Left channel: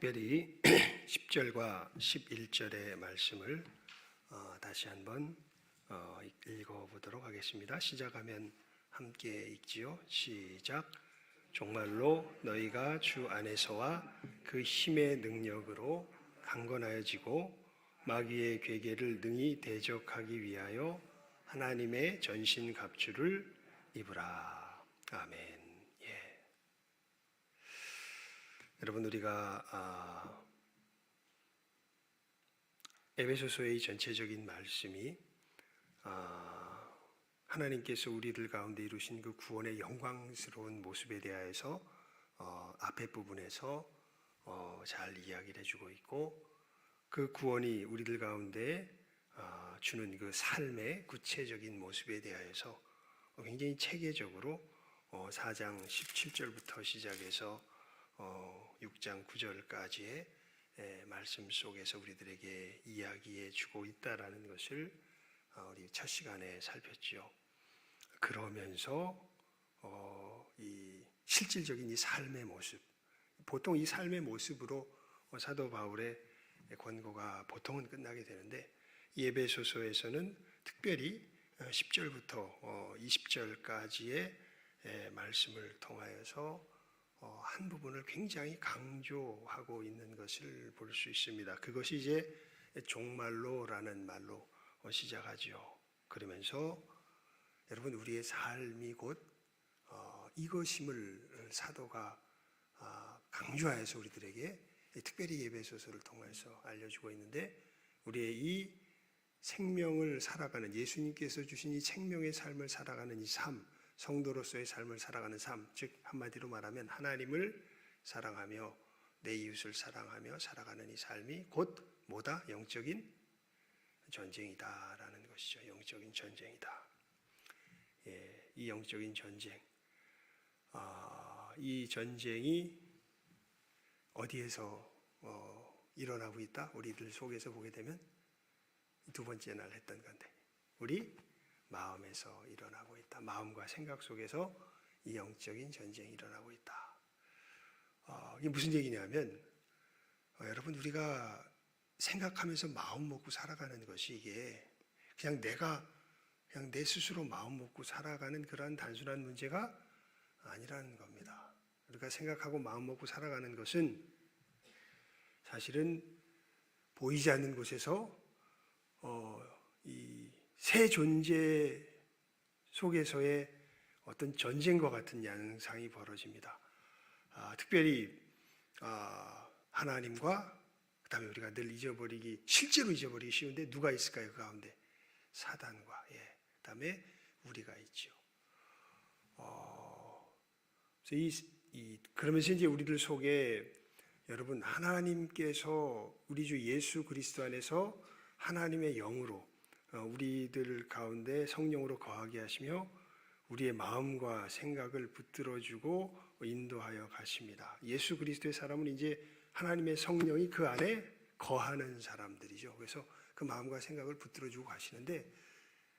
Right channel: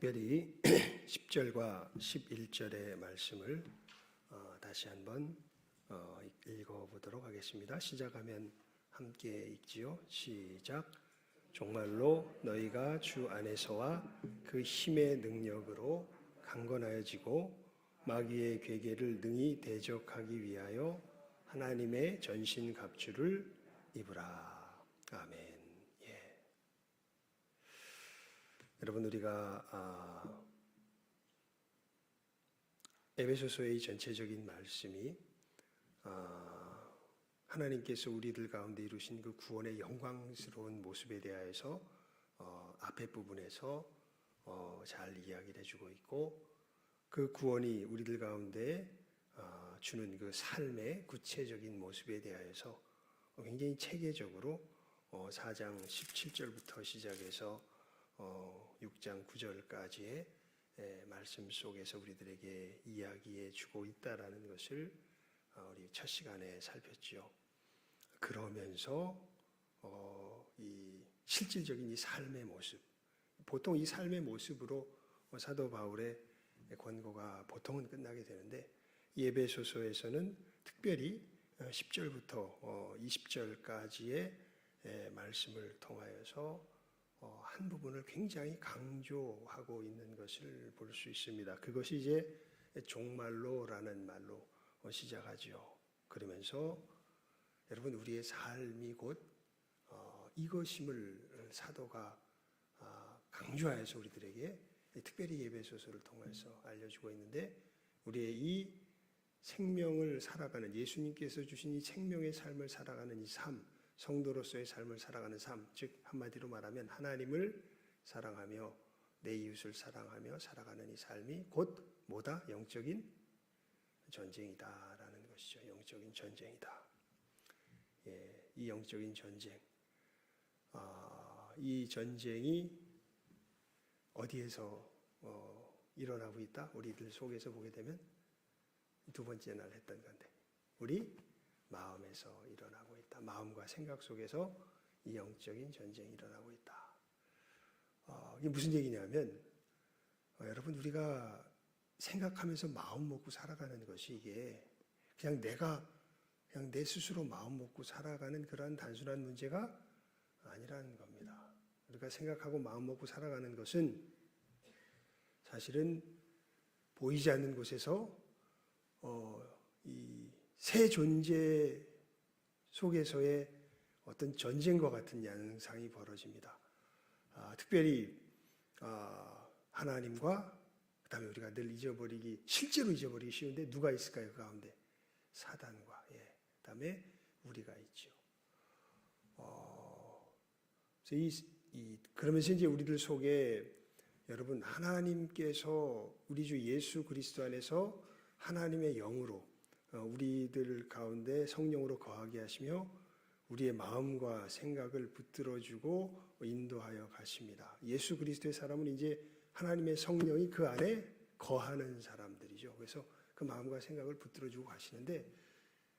특별히 10절과 11절의 말씀을 다시 한번 읽어보도록 하겠습니다. 시작하면 함께 읽지요. 시작. 정말로 너희가 주 안에서와 그 힘의 능력으로 강건하여지고 마귀의 괴계를 능히 대적하기 위하여 하나님의 전신갑주를 입으라. 아멘. 여러분, 우리가 에베소서의 전체적인 말씀이 하나님께서 우리들 가운데 이루신 그 구원의 영광스러운 모습에 대하여서 앞에 부분에서 잘 이야기를 해주고 있고, 그 구원이 우리들 가운데 주는 그 삶의 구체적인 모습에 대하여서 굉장히 체계적으로 4장 17절부터 시작해서 6장 9절까지의 말씀 속에서 우리들에게 이야기해 주고 있다라는 것을 우리 첫 시간에 살폈지요. 그러면서 이 실질적인 이 삶의 모습, 보통 이 삶의 모습으로 사도 바울의 권고가 보통은 끝나게 되는데, 이 에베소서에서는 특별히 10절부터 20절까지의 말씀을 통하여서 한 부분을 굉장히 강조하고 있는 것을 볼 수 있습니다. 그것이 이제 종말로라는 말로 시작하죠. 그러면서 여러분, 우리의 삶이 곧 이것임을 사도가 강조하여서 우리들에게 특별히 에베소서를 통해서 알려주고 있는데, 우리의 이 생명을 살아가는, 예수님께서 주신 이 생명의 삶을 살아가는 이 삶, 성도로서의 삶을 살아가는 삶, 즉 한마디로 말하면 하나님을 사랑하며 내 이웃을 사랑하며 살아가는 이 삶이 곧 뭐다? 영적인 전쟁이다라는 것이죠. 영적인 전쟁이다. 이 영적인 전쟁, 이 전쟁이 어디에서 일어나고 있다? 우리들 속에서 보게 되면 두 번째 날 했던 건데, 우리 마음에서 일어나고 있다. 마음과 생각 속에서 이 영적인 전쟁이 일어나고 있다. 이게 무슨 얘기냐면, 여러분, 우리가 생각하면서 마음 먹고 살아가는 것이 이게 그냥 내 스스로 마음 먹고 살아가는 그러한 단순한 문제가 아니라는 겁니다. 우리가 생각하고 마음 먹고 살아가는 것은 사실은 보이지 않는 곳에서 이 새 존재 속에서의 어떤 전쟁과 같은 양상이 벌어집니다. 특별히 하나님과, 그 다음에 우리가 늘 실제로 잊어버리기 쉬운데 누가 있을까요? 그 가운데 사단과, 그 다음에 우리가 있죠. 그러면서 이제 우리들 속에 여러분, 하나님께서 우리 주 예수 그리스도 안에서 하나님의 영으로 우리들 가운데 성령으로 거하게 하시며 우리의 마음과 생각을 붙들어주고 인도하여 가십니다. 예수 그리스도의 사람은 이제 하나님의 성령이 그 안에 거하는 사람들이죠. 그래서 그 마음과 생각을 붙들어주고 가시는데,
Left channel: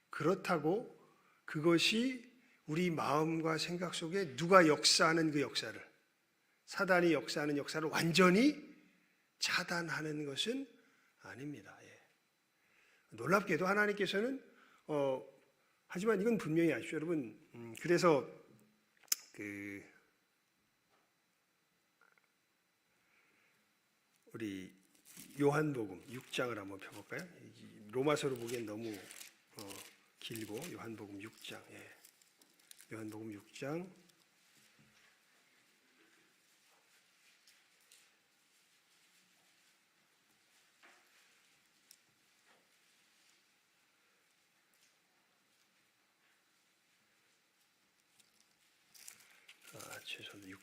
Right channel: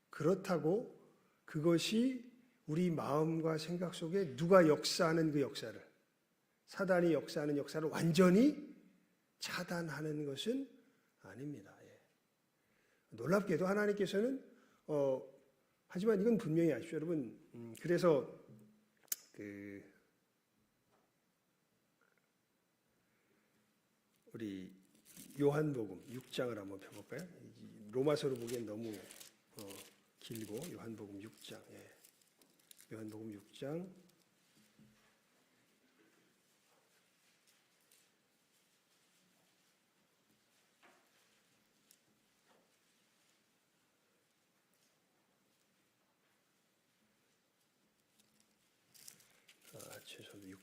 그렇다고 그것이 우리 마음과 생각 속에 누가 역사하는 그 역사를, 사단이 역사하는 역사를 완전히 차단하는 것은 아닙니다. 놀랍게도 하나님께서는 하지만 이건 분명히 아십시오, 여러분. 그래서 우리 요한복음 6장을 한번 펴볼까요? 로마서로 보기엔 너무 길고, 요한복음 6장, 요한복음 6장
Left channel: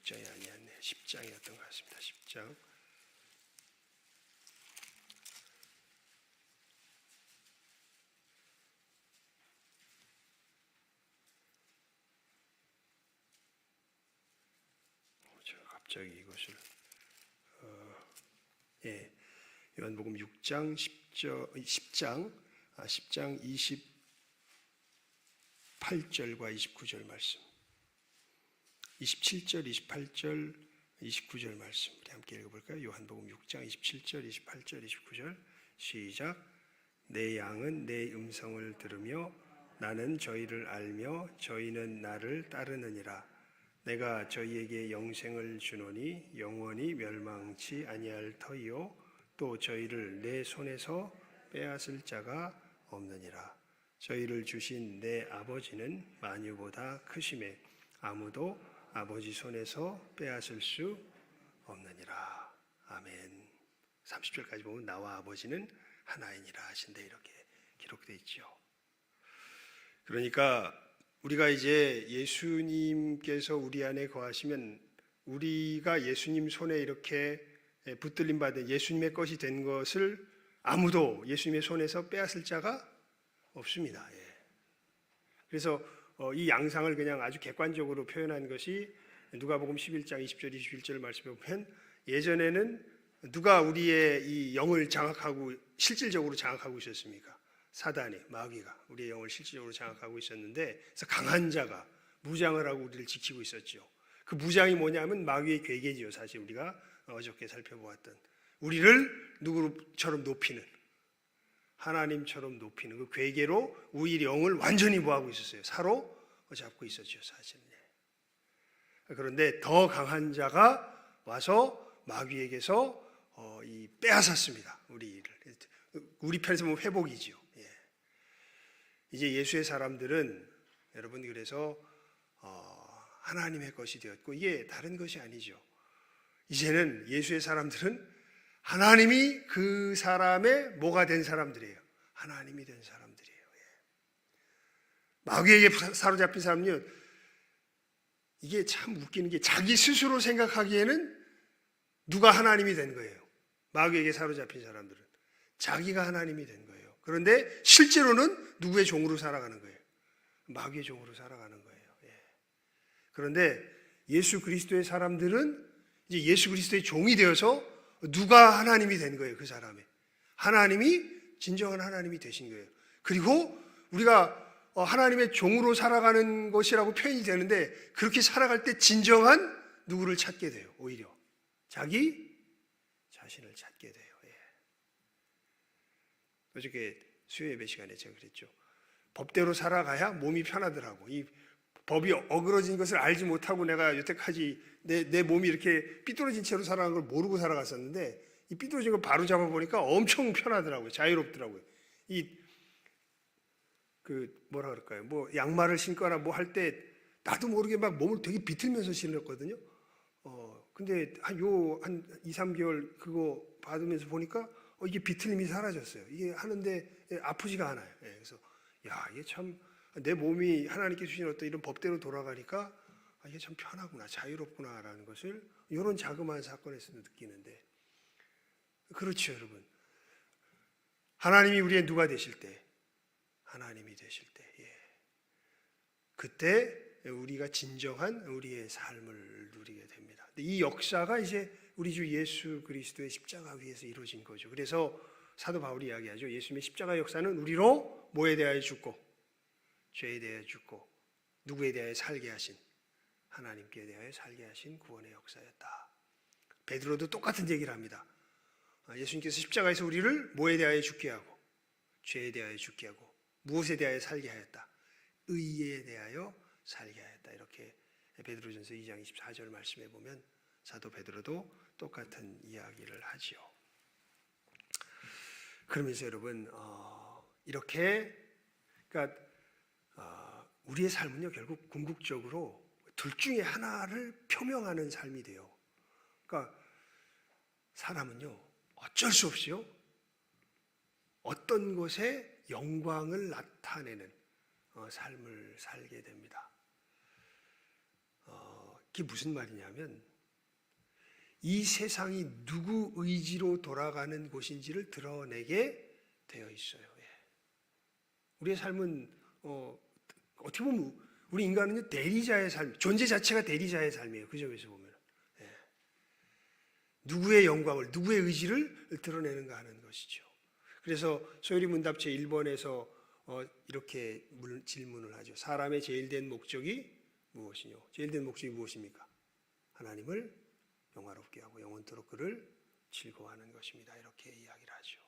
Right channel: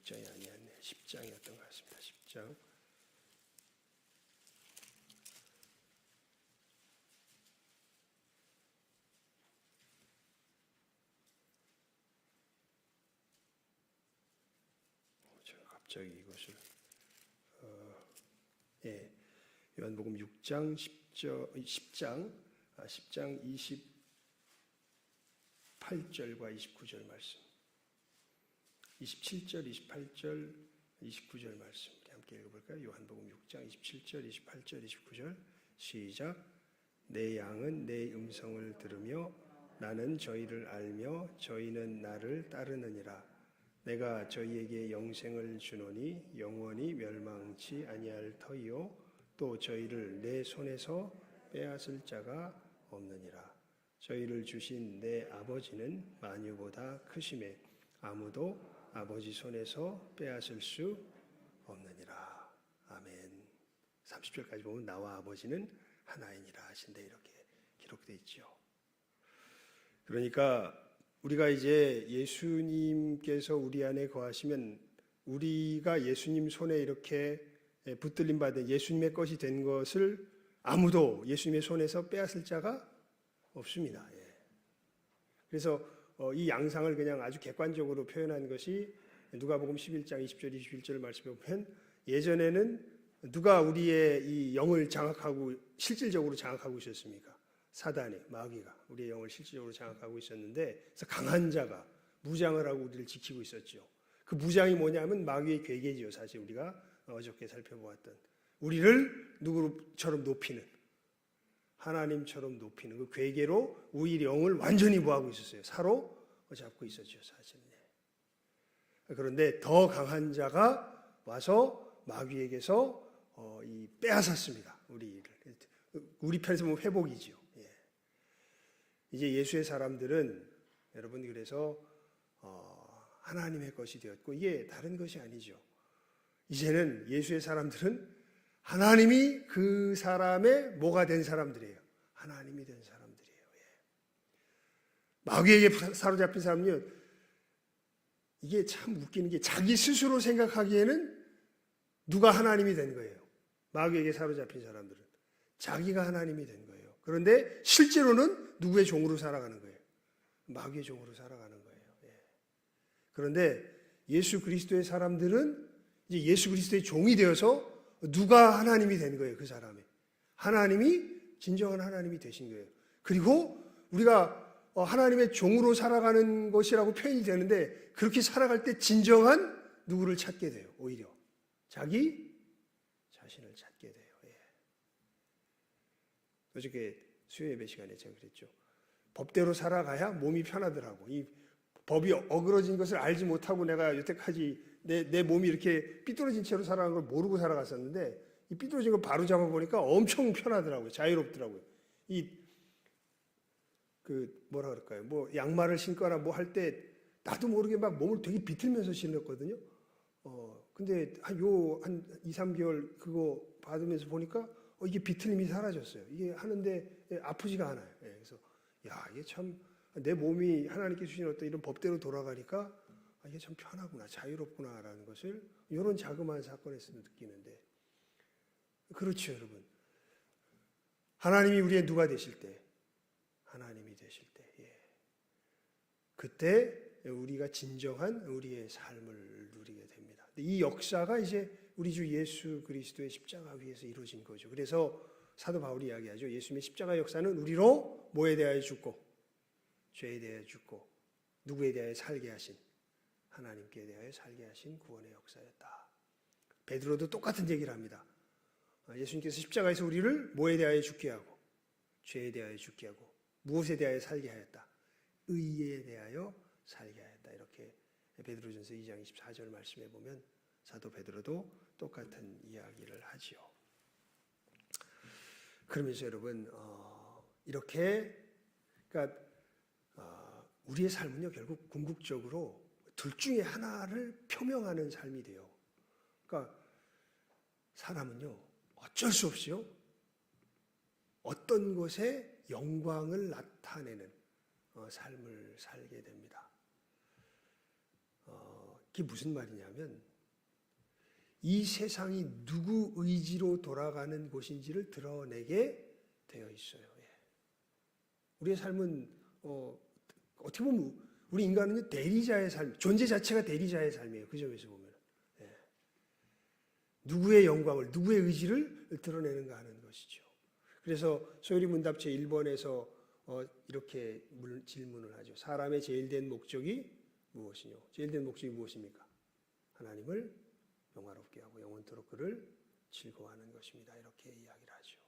6장이 아니었네. 10장이었던 것 같습니다. 10장. 제가 갑자기 이것을 요한복음 6장 10장 28절과 29절 말씀. 27절, 28절, 29절 말씀 우리 함께 읽어볼까요? 요한복음 6장 27절, 28절, 29절 시작. 내 양은 내 음성을 들으며 나는 저희를 알며 저희는 나를 따르느니라. 내가 저희에게 영생을 주노니 영원히 멸망치 아니할 터이요 또 저희를 내 손에서 빼앗을 자가 없느니라. 저희를 주신 내 아버지는 만유보다 크심에 아무도 아버지 손에서 빼앗을 수 없느니라. 아멘. 30절까지 보면 나와 아버지는 하나이니라 하신데 이렇게 기록되어 있죠. 그러니까 우리가 이제 예수님께서 우리 안에 거하시면 우리가 예수님 손에 이렇게 붙들림 받은 예수님의 것이 된 것을 아무도 예수님의 손에서 빼앗을 자가 없습니다. 그래서 이 양상을 그냥 아주 객관적으로 표현한 것이 누가복음 11장 20절 21절 말씀에 보면 예전에는 누가 우리의 이 영을 장악하고 실질적으로 장악하고 있었습니까? 사단이, 마귀가 우리의 영을 실질적으로 장악하고 있었는데 그래서 강한 자가 무장을 하고 우리를 지키고 있었죠. 그 무장이 뭐냐면 마귀의 괴계지요. 사실 우리가 어저께 살펴보았던 우리를 누구처럼 높이는 하나님처럼 높이는 그 괴계로 우리 영을 완전히 뭐하고 있었어요? 사로잡고 있었죠. 사실. 그런데 더 강한 자가 와서 마귀에게서 빼앗았습니다. 우리 편에서 보면 회복이지요. 이제 예수의 사람들은 여러분 그래서 하나님의 것이 되었고 이게 다른 것이 아니죠. 이제는 예수의 사람들은 하나님이 그 사람의 뭐가 된 사람들이에요. 하나님이 된 사람들이에요. 마귀에게 사로잡힌 사람은요. 이게 참 웃기는 게 자기 스스로 생각하기에는 누가 하나님이 된 거예요. 마귀에게 사로잡힌 사람들은 자기가 하나님이 된 거예요. 그런데 실제로는 누구의 종으로 살아가는 거예요? 마귀의 종으로 살아가는 거예요. 그런데 예수 그리스도의 사람들은 이제 예수 그리스도의 종이 되어서 누가 하나님이 된 거예요. 그 사람이 하나님이 진정한 하나님이 되신 거예요. 그리고 우리가 하나님의 종으로 살아가는 것이라고 표현이 되는데 그렇게 살아갈 때 진정한 누구를 찾게 돼요. 오히려 자기 자신을 찾게 돼요. 어저께 수요 예배 시간에 제가 그랬죠. 법대로 살아가야 몸이 편하더라고. 이 법이 어그러진 것을 알지 못하고 내가 여태까지 내 몸이 이렇게 삐뚤어진 채로 살아간 걸 모르고 살아갔었는데 이 삐뚤어진 걸 바로 잡아보니까 엄청 편하더라고요. 자유롭더라고요. 뭐라 그럴까요? 뭐 양말을 신거나 뭐 할 때 나도 모르게 막 몸을 되게 비틀면서 신었거든요. 근데 한 2, 3개월 그거 받으면서 보니까 이게 비틀림이 사라졌어요. 이게 하는데 아프지가 않아요. 그래서 이게 참 내 몸이 하나님께 주신 어떤 이런 법대로 돌아가니까 이게 참 편하구나, 자유롭구나라는 것을 이런 자그마한 사건에서 느끼는데 그렇죠, 여러분. 하나님이 우리의 누가 되실 때, 하나님이 되실 때, 그때 우리가 진정한 우리의 삶을 누리게 됩니다. 이 역사가 이제 우리 주 예수 그리스도의 십자가 위에서 이루어진 거죠. 그래서 사도 바울이 이야기하죠. 예수님의 십자가 역사는 우리로 뭐에 대하여 죽고 죄에 대하여 죽고 누구에 대하여 살게 하신 하나님께 대하여 살게 하신 구원의 역사였다. 베드로도 똑같은 얘기를 합니다. 예수님께서 십자가에서 우리를 뭐에 대하여 죽게 하고 죄에 대하여 죽게 하고 무엇에 대하여 살게 하였다. 의에 대하여 살게 하였다. 이렇게 베드로전서 2장 24절 말씀에 보면 사도 베드로도 똑같은 이야기를 하지요. 그러면서 여러분 이렇게 그러니까 우리의 삶은요 결국 궁극적으로 둘 중에 하나를 표명하는 삶이 돼요. 그러니까 사람은요 어쩔 수 없이요 어떤 것에 영광을 나타내는 삶을 살게 됩니다. 그게 무슨 말이냐면 이 세상이 누구 의지로 돌아가는 곳인지를 드러내게 되어 있어요. 우리의 삶은 어떻게 보면 우리 인간은 대리자의 삶, 존재 자체가 대리자의 삶이에요. 그 점에서 보면 누구의 영광을, 누구의 의지를 드러내는가 하는 것이죠. 그래서 소요리 문답 제1번에서 이렇게 질문을 하죠. 사람의 제일된 목적이 무엇이뇨? 제일된 목적이 무엇입니까? 하나님을 영화롭게 하고 영원토록 그를 즐거워하는 것입니다. 이렇게 이야기를 하죠.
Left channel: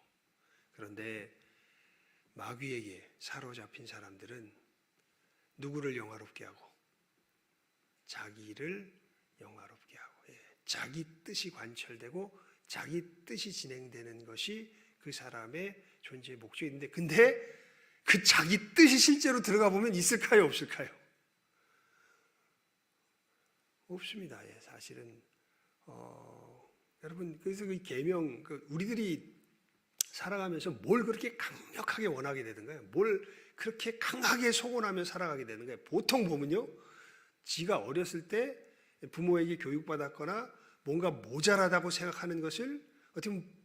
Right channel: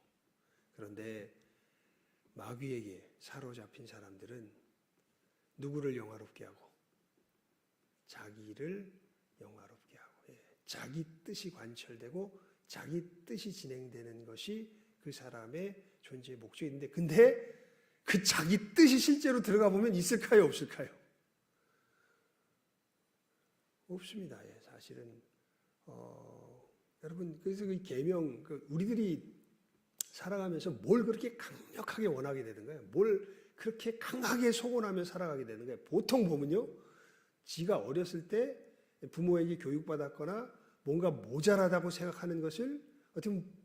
그런데 마귀에게 사로잡힌 사람들은 누구를 영화롭게 하고 자기를 영화롭게 하고 자기 뜻이 관철되고 자기 뜻이 진행되는 것이 그 사람의 존재의 목적인데, 근데 그 자기 뜻이 실제로 들어가 보면 있을까요, 없을까요? 없습니다. 사실은 여러분, 그래서 그 계명, 우리들이 살아가면서 뭘 그렇게 강력하게 원하게 되는가요? 뭘 그렇게 강하게 소원하며 살아가게 되는가요? 보통 보면요, 지가 어렸을 때 부모에게 교육받았거나 뭔가 모자라다고 생각하는 것을 어떻게 보면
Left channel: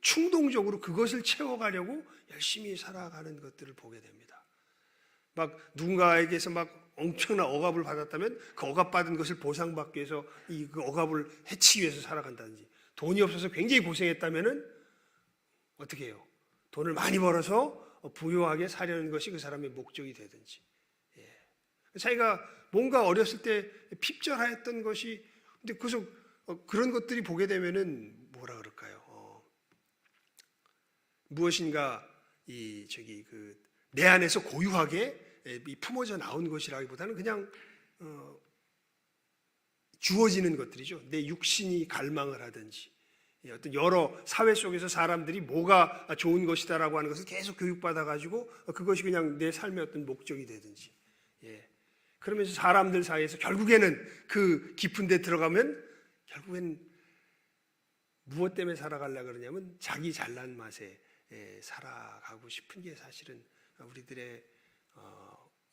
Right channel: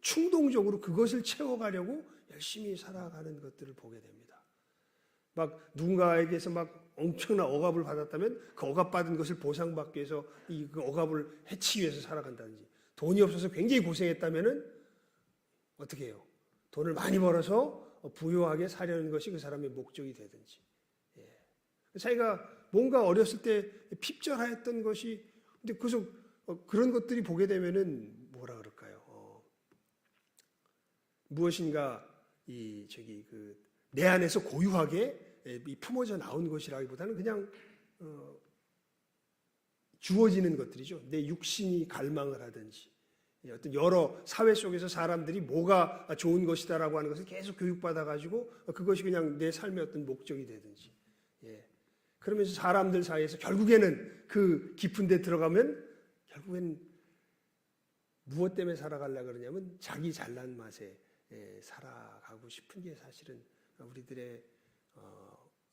충동적으로 그것을 채워가려고 열심히 살아가는 것들을 보게 됩니다. 막 누군가에게서 막 엄청난 억압을 받았다면 그 억압받은 것을 보상받기 위해서 그 억압을 해치기 위해서 살아간다든지, 돈이 없어서 굉장히 고생했다면은 어떻게 해요? 돈을 많이 벌어서 부유하게 사려는 것이 그 사람의 목적이 되든지. 자기가 뭔가 어렸을 때 핍절하였던 것이, 근데 그래서 그런 것들이 보게 되면은 뭐라 그럴까요? 무엇인가 내 안에서 고유하게 품어져 나온 것이라기보다는 그냥 주어지는 것들이죠. 내 육신이 갈망을 하든지, 어떤 여러 사회 속에서 사람들이 뭐가 좋은 것이다라고 하는 것을 계속 교육받아 가지고 그것이 그냥 내 삶의 어떤 목적이 되든지, 그러면서 사람들 사이에서 결국에는 그 깊은 데 들어가면 결국엔 무엇 때문에 살아가려고 그러냐면 자기 잘난 맛에 살아가고 싶은 게 사실은 우리들의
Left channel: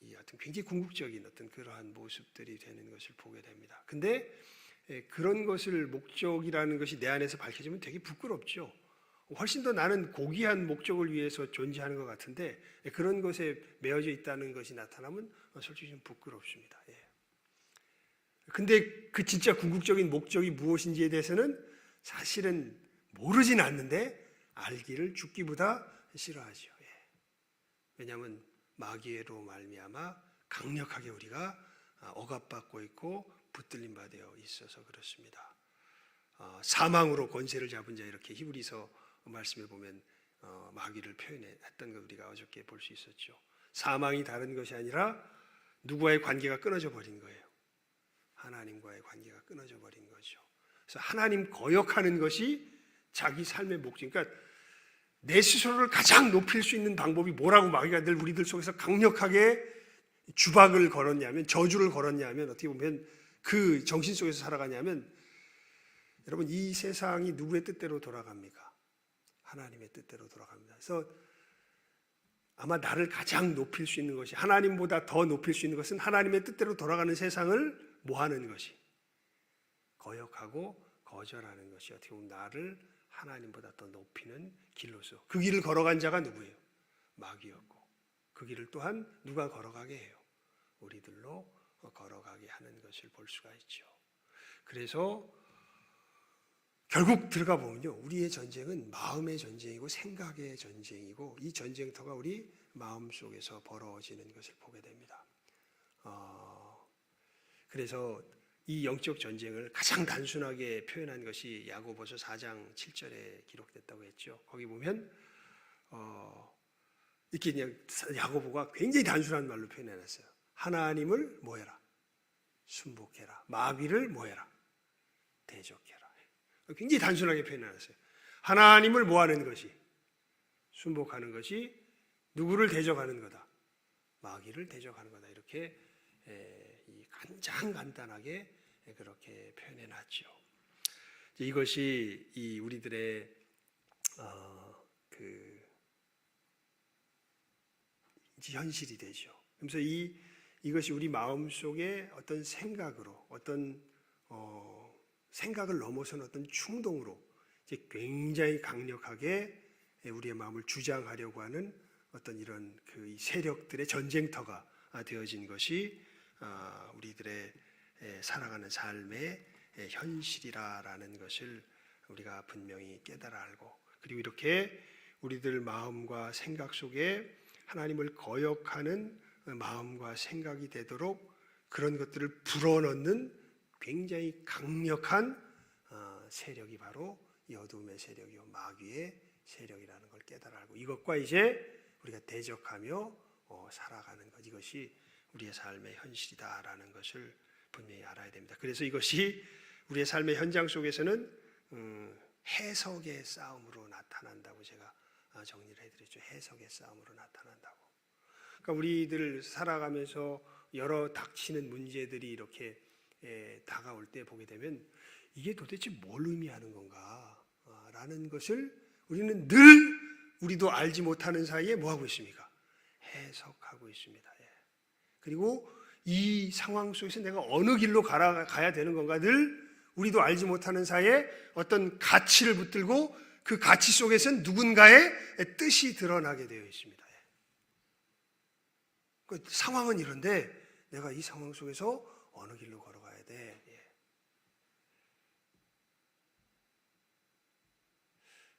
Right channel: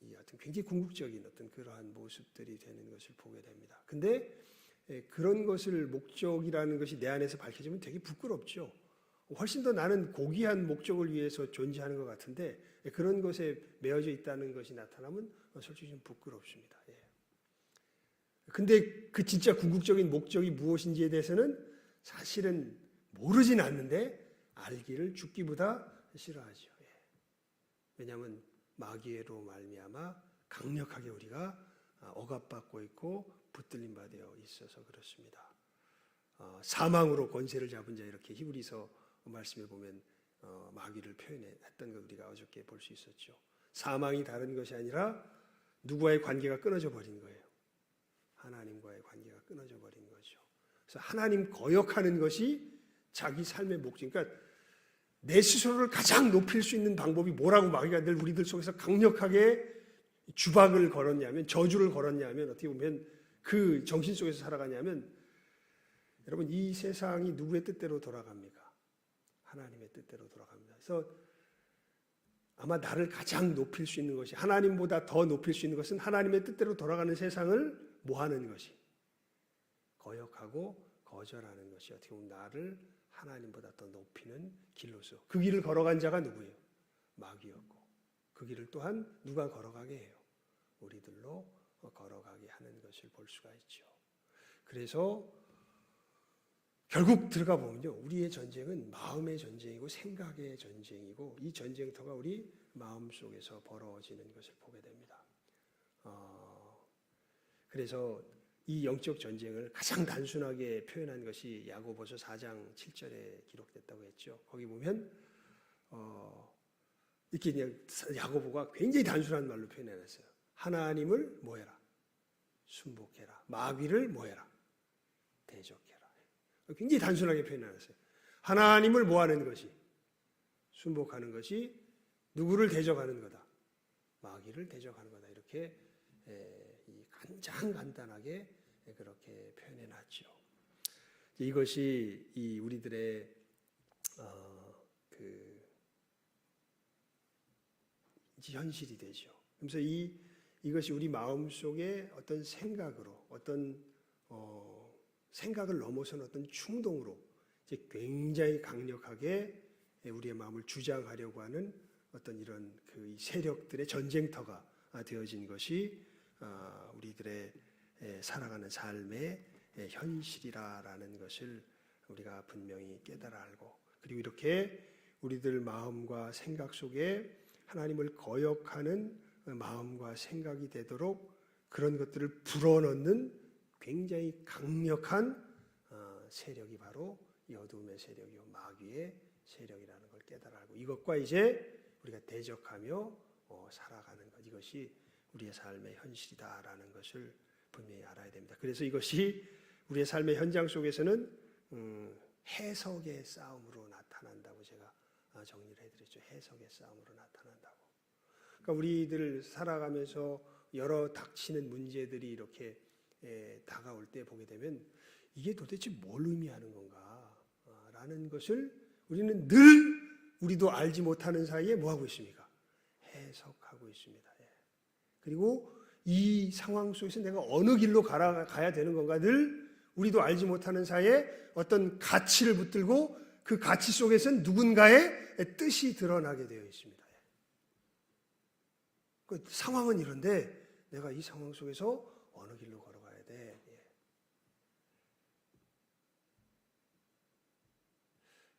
이 어떤 굉장히 궁극적인 어떤 그러한 모습들이 되는 것을 보게 됩니다. 근데 그런 것을 목적이라는 것이 내 안에서 밝혀지면 되게 부끄럽죠. 훨씬 더 나는 고귀한 목적을 위해서 존재하는 것 같은데 그런 것에 매여져 있다는 것이 나타나면 솔직히 좀 부끄럽습니다. 근데 그 진짜 궁극적인 목적이 무엇인지에 대해서는 사실은 모르진 않는데 알기를 죽기보다 싫어하죠. 왜냐하면 마귀로 말미암아 강력하게 우리가 억압받고 있고 붙들림 받아 있어서 그렇습니다. 사망으로 권세를 잡은 자, 이렇게 히브리서 말씀에 보면 마귀를 표현했던 걸 우리가 어저께 볼 수 있었죠. 사망이 다른 것이 아니라 누구와의 관계가 끊어져 버린 거예요. 하나님과의 관계가 끊어져 버린 거죠. 그래서 하나님 거역하는 것이 자기 삶의 목적. 그러니까 내 스스로를 가장 높일 수 있는 방법이 뭐라고 마귀가 늘 우리들 속에서 강력하게 주박을 걸었냐면, 저주를 걸었냐면, 어떻게 보면 그 정신 속에서 살아가냐면, 여러분, 이 세상이 누구의 뜻대로 돌아갑니까? 하나님의 뜻대로 돌아갑니다. 그래서 아마 나를 가장 높일 수 있는 것이, 하나님보다 더 높일 수 있는 것은 하나님의 뜻대로 돌아가는 세상을 뭐 하는 것이? 거역하고 거절하는 것이 어떻게 보면 나를 하나님보다 더 높이는 길로서, 그 길을 걸어간 자가 누구예요? 마귀였고, 그 길을 또한 누가 걸어가게 해요? 우리들로 걸어가게 하는 것을 볼 수가 있죠. 그래서 결국 들어가 보면요, 우리의 전쟁은 마음의 전쟁이고 생각의 전쟁이고, 이 전쟁터가 우리 마음 속에서 벌어지는 것을 보게 됩니다. 그래서 이 영적 전쟁을 가장 단순하게 표현한 것이 야고보서 4장 7절에 기록됐다고 했죠. 거기 보면 이렇게 그냥 야고보가 굉장히 단순한 말로 표현해놨어요. 하나님을 뭐해라? 순복해라. 마귀를 뭐해라? 대적해라. 굉장히 단순하게 표현해놨어요. 하나님을 뭐하는 것이? 순복하는 것이 누구를 대적하는 거다? 마귀를 대적하는 거다. 이렇게 간단하게 그렇게 표현해놨죠. 이것이 이 우리들의 현실이 되죠. 그래서 이것이 우리 마음 속에 어떤 생각으로, 어떤 생각을 넘어선 어떤 충동으로 이제 굉장히 강력하게 우리의 마음을 주장하려고 하는 어떤 이런 그 세력들의 전쟁터가 되어진 것이 우리들의 살아가는 삶의 현실이라는 것을 우리가 분명히 깨달아 알고, 그리고 이렇게 우리들 마음과 생각 속에 하나님을 거역하는 마음과 생각이 되도록 그런 것들을 불어넣는 굉장히 강력한 세력이 바로 이 어둠의 세력이요 마귀의 세력이라는 걸 깨달아 알고 이것과 이제 우리가 대적하며 살아가는 것 이것이 우리의 삶의 현실이다라는 것을 분명히 알아야 됩니다. 그래서 이것이 우리의 삶의 현장 속에서는 해석의 싸움으로 나타난다고 제가 정리를 해드렸죠. 해석의 싸움으로 나타난다고. 그러니까 우리들 살아가면서 여러 닥치는 문제들이 이렇게 다가올 때 보게 되면 이게 도대체 뭘 의미하는 건가 라는 것을 우리는 늘 우리도 알지 못하는 사이에 뭐하고 있습니까? 해석하고 있습니다. 그리고 이 상황 속에서 내가 어느 길로 가야 되는 건가 늘 우리도 알지 못하는 사이에 어떤 가치를 붙들고 그 가치 속에서는 누군가의 뜻이 드러나게 되어 있습니다. 그 상황은 이런데 내가 이 상황 속에서 어느 길로 걸어가야 돼.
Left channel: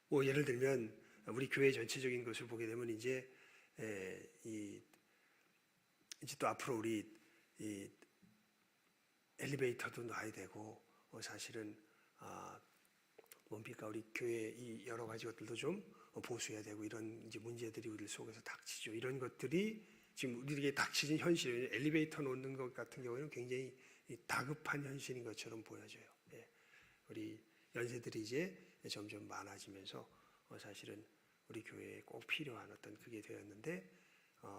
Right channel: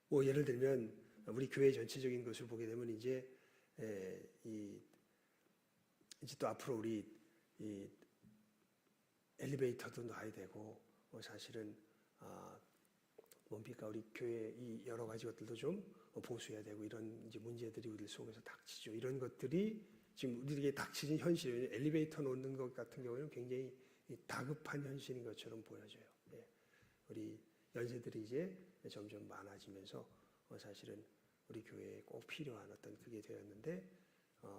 뭐 예를 들면 우리 교회 전체적인 것을 보게 되면 이제 또 앞으로 우리 이 엘리베이터도 놔야 되고 사실은 뭡니까 우리 교회 이 여러 가지 것들도 좀 보수해야 되고 이런 이제 문제들이 우리 속에서 닥치죠. 이런 것들이 지금 우리에게 닥치는 현실이에요. 엘리베이터 놓는 것 같은 경우에는 굉장히 다급한 현실인 것처럼 보여져요. 우리 연세들이 이제 점점 많아지면서 사실은 우리 교회에 꼭 필요한 어떤 그게 되었는데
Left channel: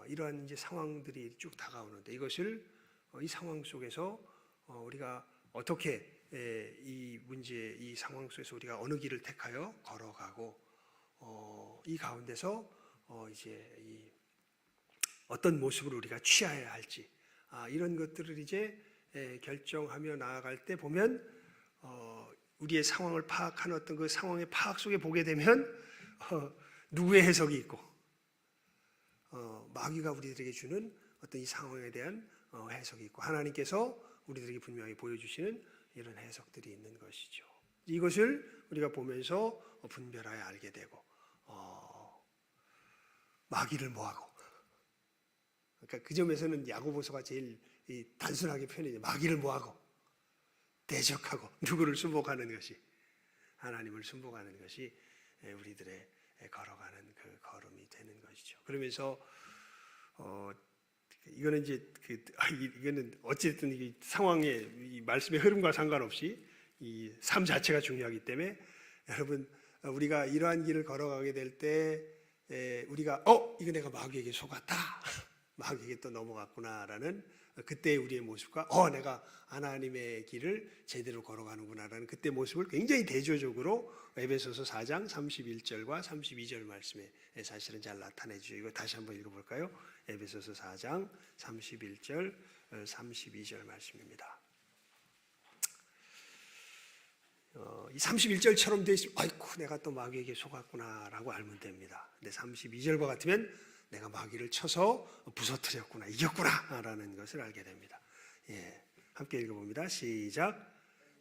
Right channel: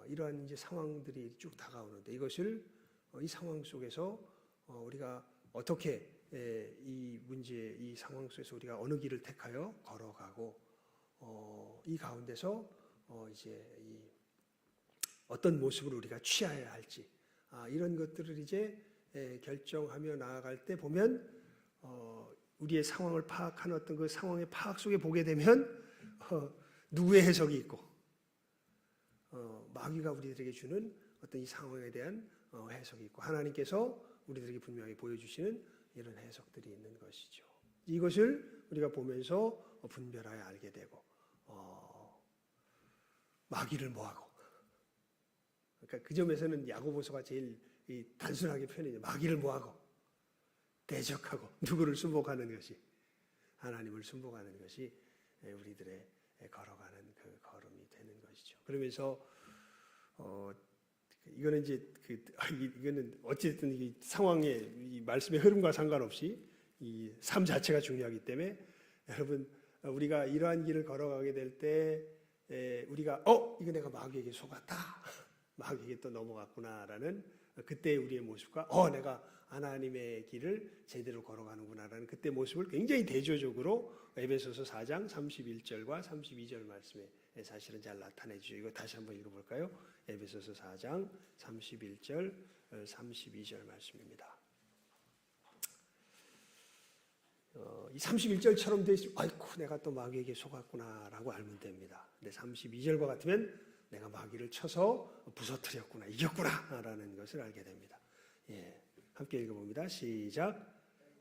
이러한 이제 상황들이 쭉 다가오는데 이것을 이 상황 속에서 우리가 어떻게 이 문제 이 상황 속에서 우리가 어느 길을 택하여 걸어가고 이 가운데서 이제 이 어떤 모습을 우리가 취해야 할지 이런 것들을 이제 결정하며 나아갈 때 보면 우리의 상황을 파악하는 어떤 그 상황의 파악 속에 보게 되면 누구의 해석이 있고 마귀가 우리들에게 주는 어떤 이 상황에 대한 해석이 있고 하나님께서 우리들에게 분명히 보여주시는 이런 해석들이 있는 것이죠. 이것을 우리가 보면서 분별하여 알게 되고 마귀를 뭐하고 그러니까 그 점에서는 야고보서가 제일 단순하게 표현해요. 마귀를 뭐하고 대적하고 누구를 순복하는 것이 하나님을 순복하는 것이 우리들의 걸어가는 그 걸음이 되는 것이죠. 그러면서 이거는 이제 이거는 어쨌든 이 상황의 이 말씀의 흐름과 상관없이 이 삶 자체가 중요하기 때문에 여러분 우리가 이러한 길을 걸어가게 될 때 우리가 이거 내가 마귀에게 속았다. 마귀에게 또 넘어갔구나라는 그때 우리의 모습과 내가 하나님의 길을 제대로 걸어가는구나라는 그때 모습을 굉장히 대조적으로 에베소서 4장 31절과 32절 말씀에 사실은 잘 나타내죠. 이거 다시 한번 읽어볼까요? 에베소서 4장 31절 32절 말씀입니다. 이 31절처럼 돼 있으면 아이고 내가 또 마귀에게 속았구나라고 알면 됩니다. 근데 32절과 같으면 내가 마귀를 쳐서 부서뜨렸구나 이겼구나라는 것을 알게 됩니다. 함께 읽어봅니다. 시작.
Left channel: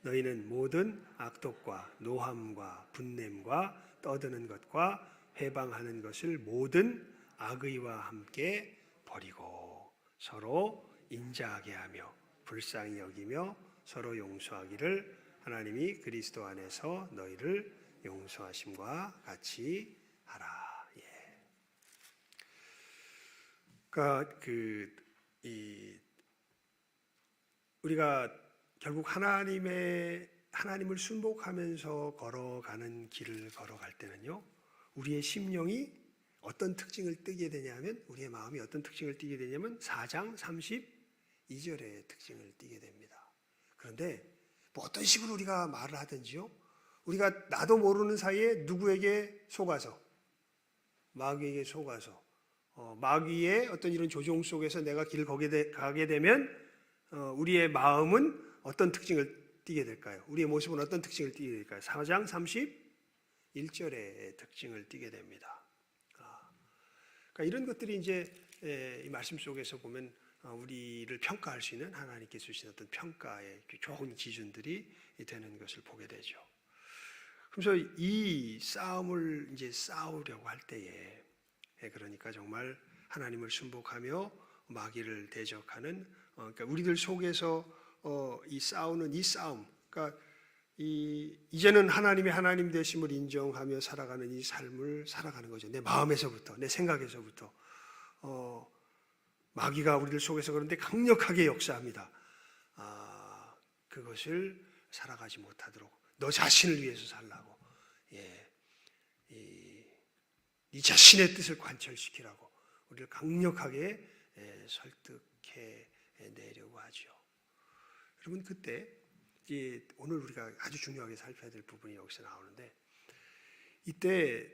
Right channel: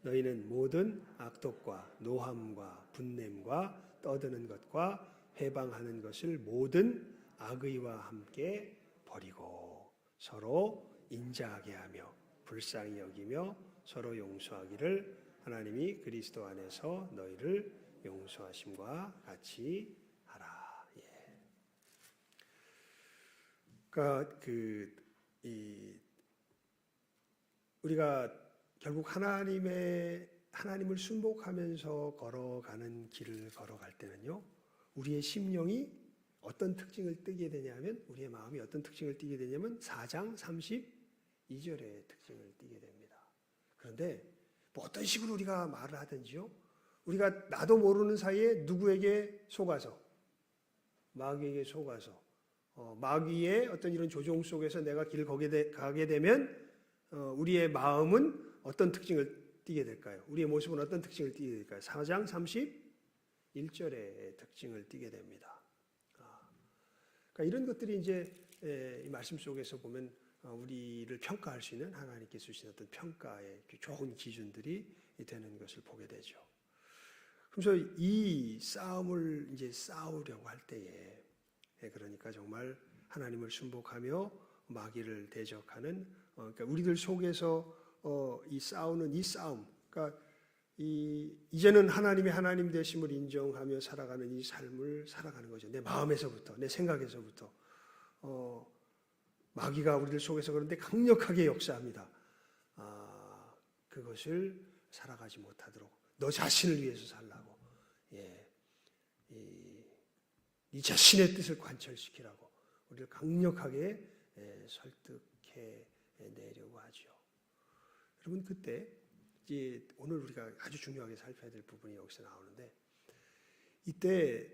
너희는 모든 악독과 노함과 분냄과 떠드는 것과 회방하는 것을 모든 악의와 함께 버리고 서로 인자하게 하며 불쌍히 여기며 서로 용서하기를 하나님이 그리스도 안에서 너희를 용서하심과 같이 하라. 그러니까 우리가 결국 하나님을 순복하면서 걸어가는 길을 걸어갈 때는요, 우리의 심령이 어떤 특징을 띠게 되냐면, 우리의 마음이 어떤 특징을 띠게 되냐면 4장 32절의 특징을 띠게 됩니다. 그런데 뭐 어떤 식으로 우리가 말을 하든지요, 우리가 나도 모르는 사이에 누구에게 속아서, 마귀에게 속아서, 마귀의 어떤 이런 조종 속에서 내가 길을 가게 되면 우리의 마음은 어떤 특징을 띠게 될까요? 우리의 모습은 어떤 특징을 띠게 될까요? 4장 31절의 특징을 띠게 됩니다. 그러니까 이런 것들이 이제 이 말씀 속에서 보면 우리를 평가할 수 있는 하나님께서 주신 어떤 평가의 좋은 기준들이 되는 것을 보게 되죠. 그래서 이 싸움을 이제 싸우려고 할 때에 그러니까 정말 하나님을 순복하며 마귀를 대적하는 그러니까 우리들 속에서 이 싸우는 이 싸움, 그러니까 이제는 하나님의 하나님 되심을 인정하며 살아가는 이 삶을 살아가는 거죠. 내 마음에서부터, 내 생각에서부터. 마귀가 우리들 속에서 그런데 강력하게 역사합니다. 그것을 살아가지 못하도록 너 자신을 위해서 살라고, 네 자신의 뜻을 관철시키라고 우리를 강력하게 설득해 내려고 하죠. 여러분, 그때 이제 오늘 우리가 아주 중요하게 살펴야 될 부분이 여기서 나오는데, 이때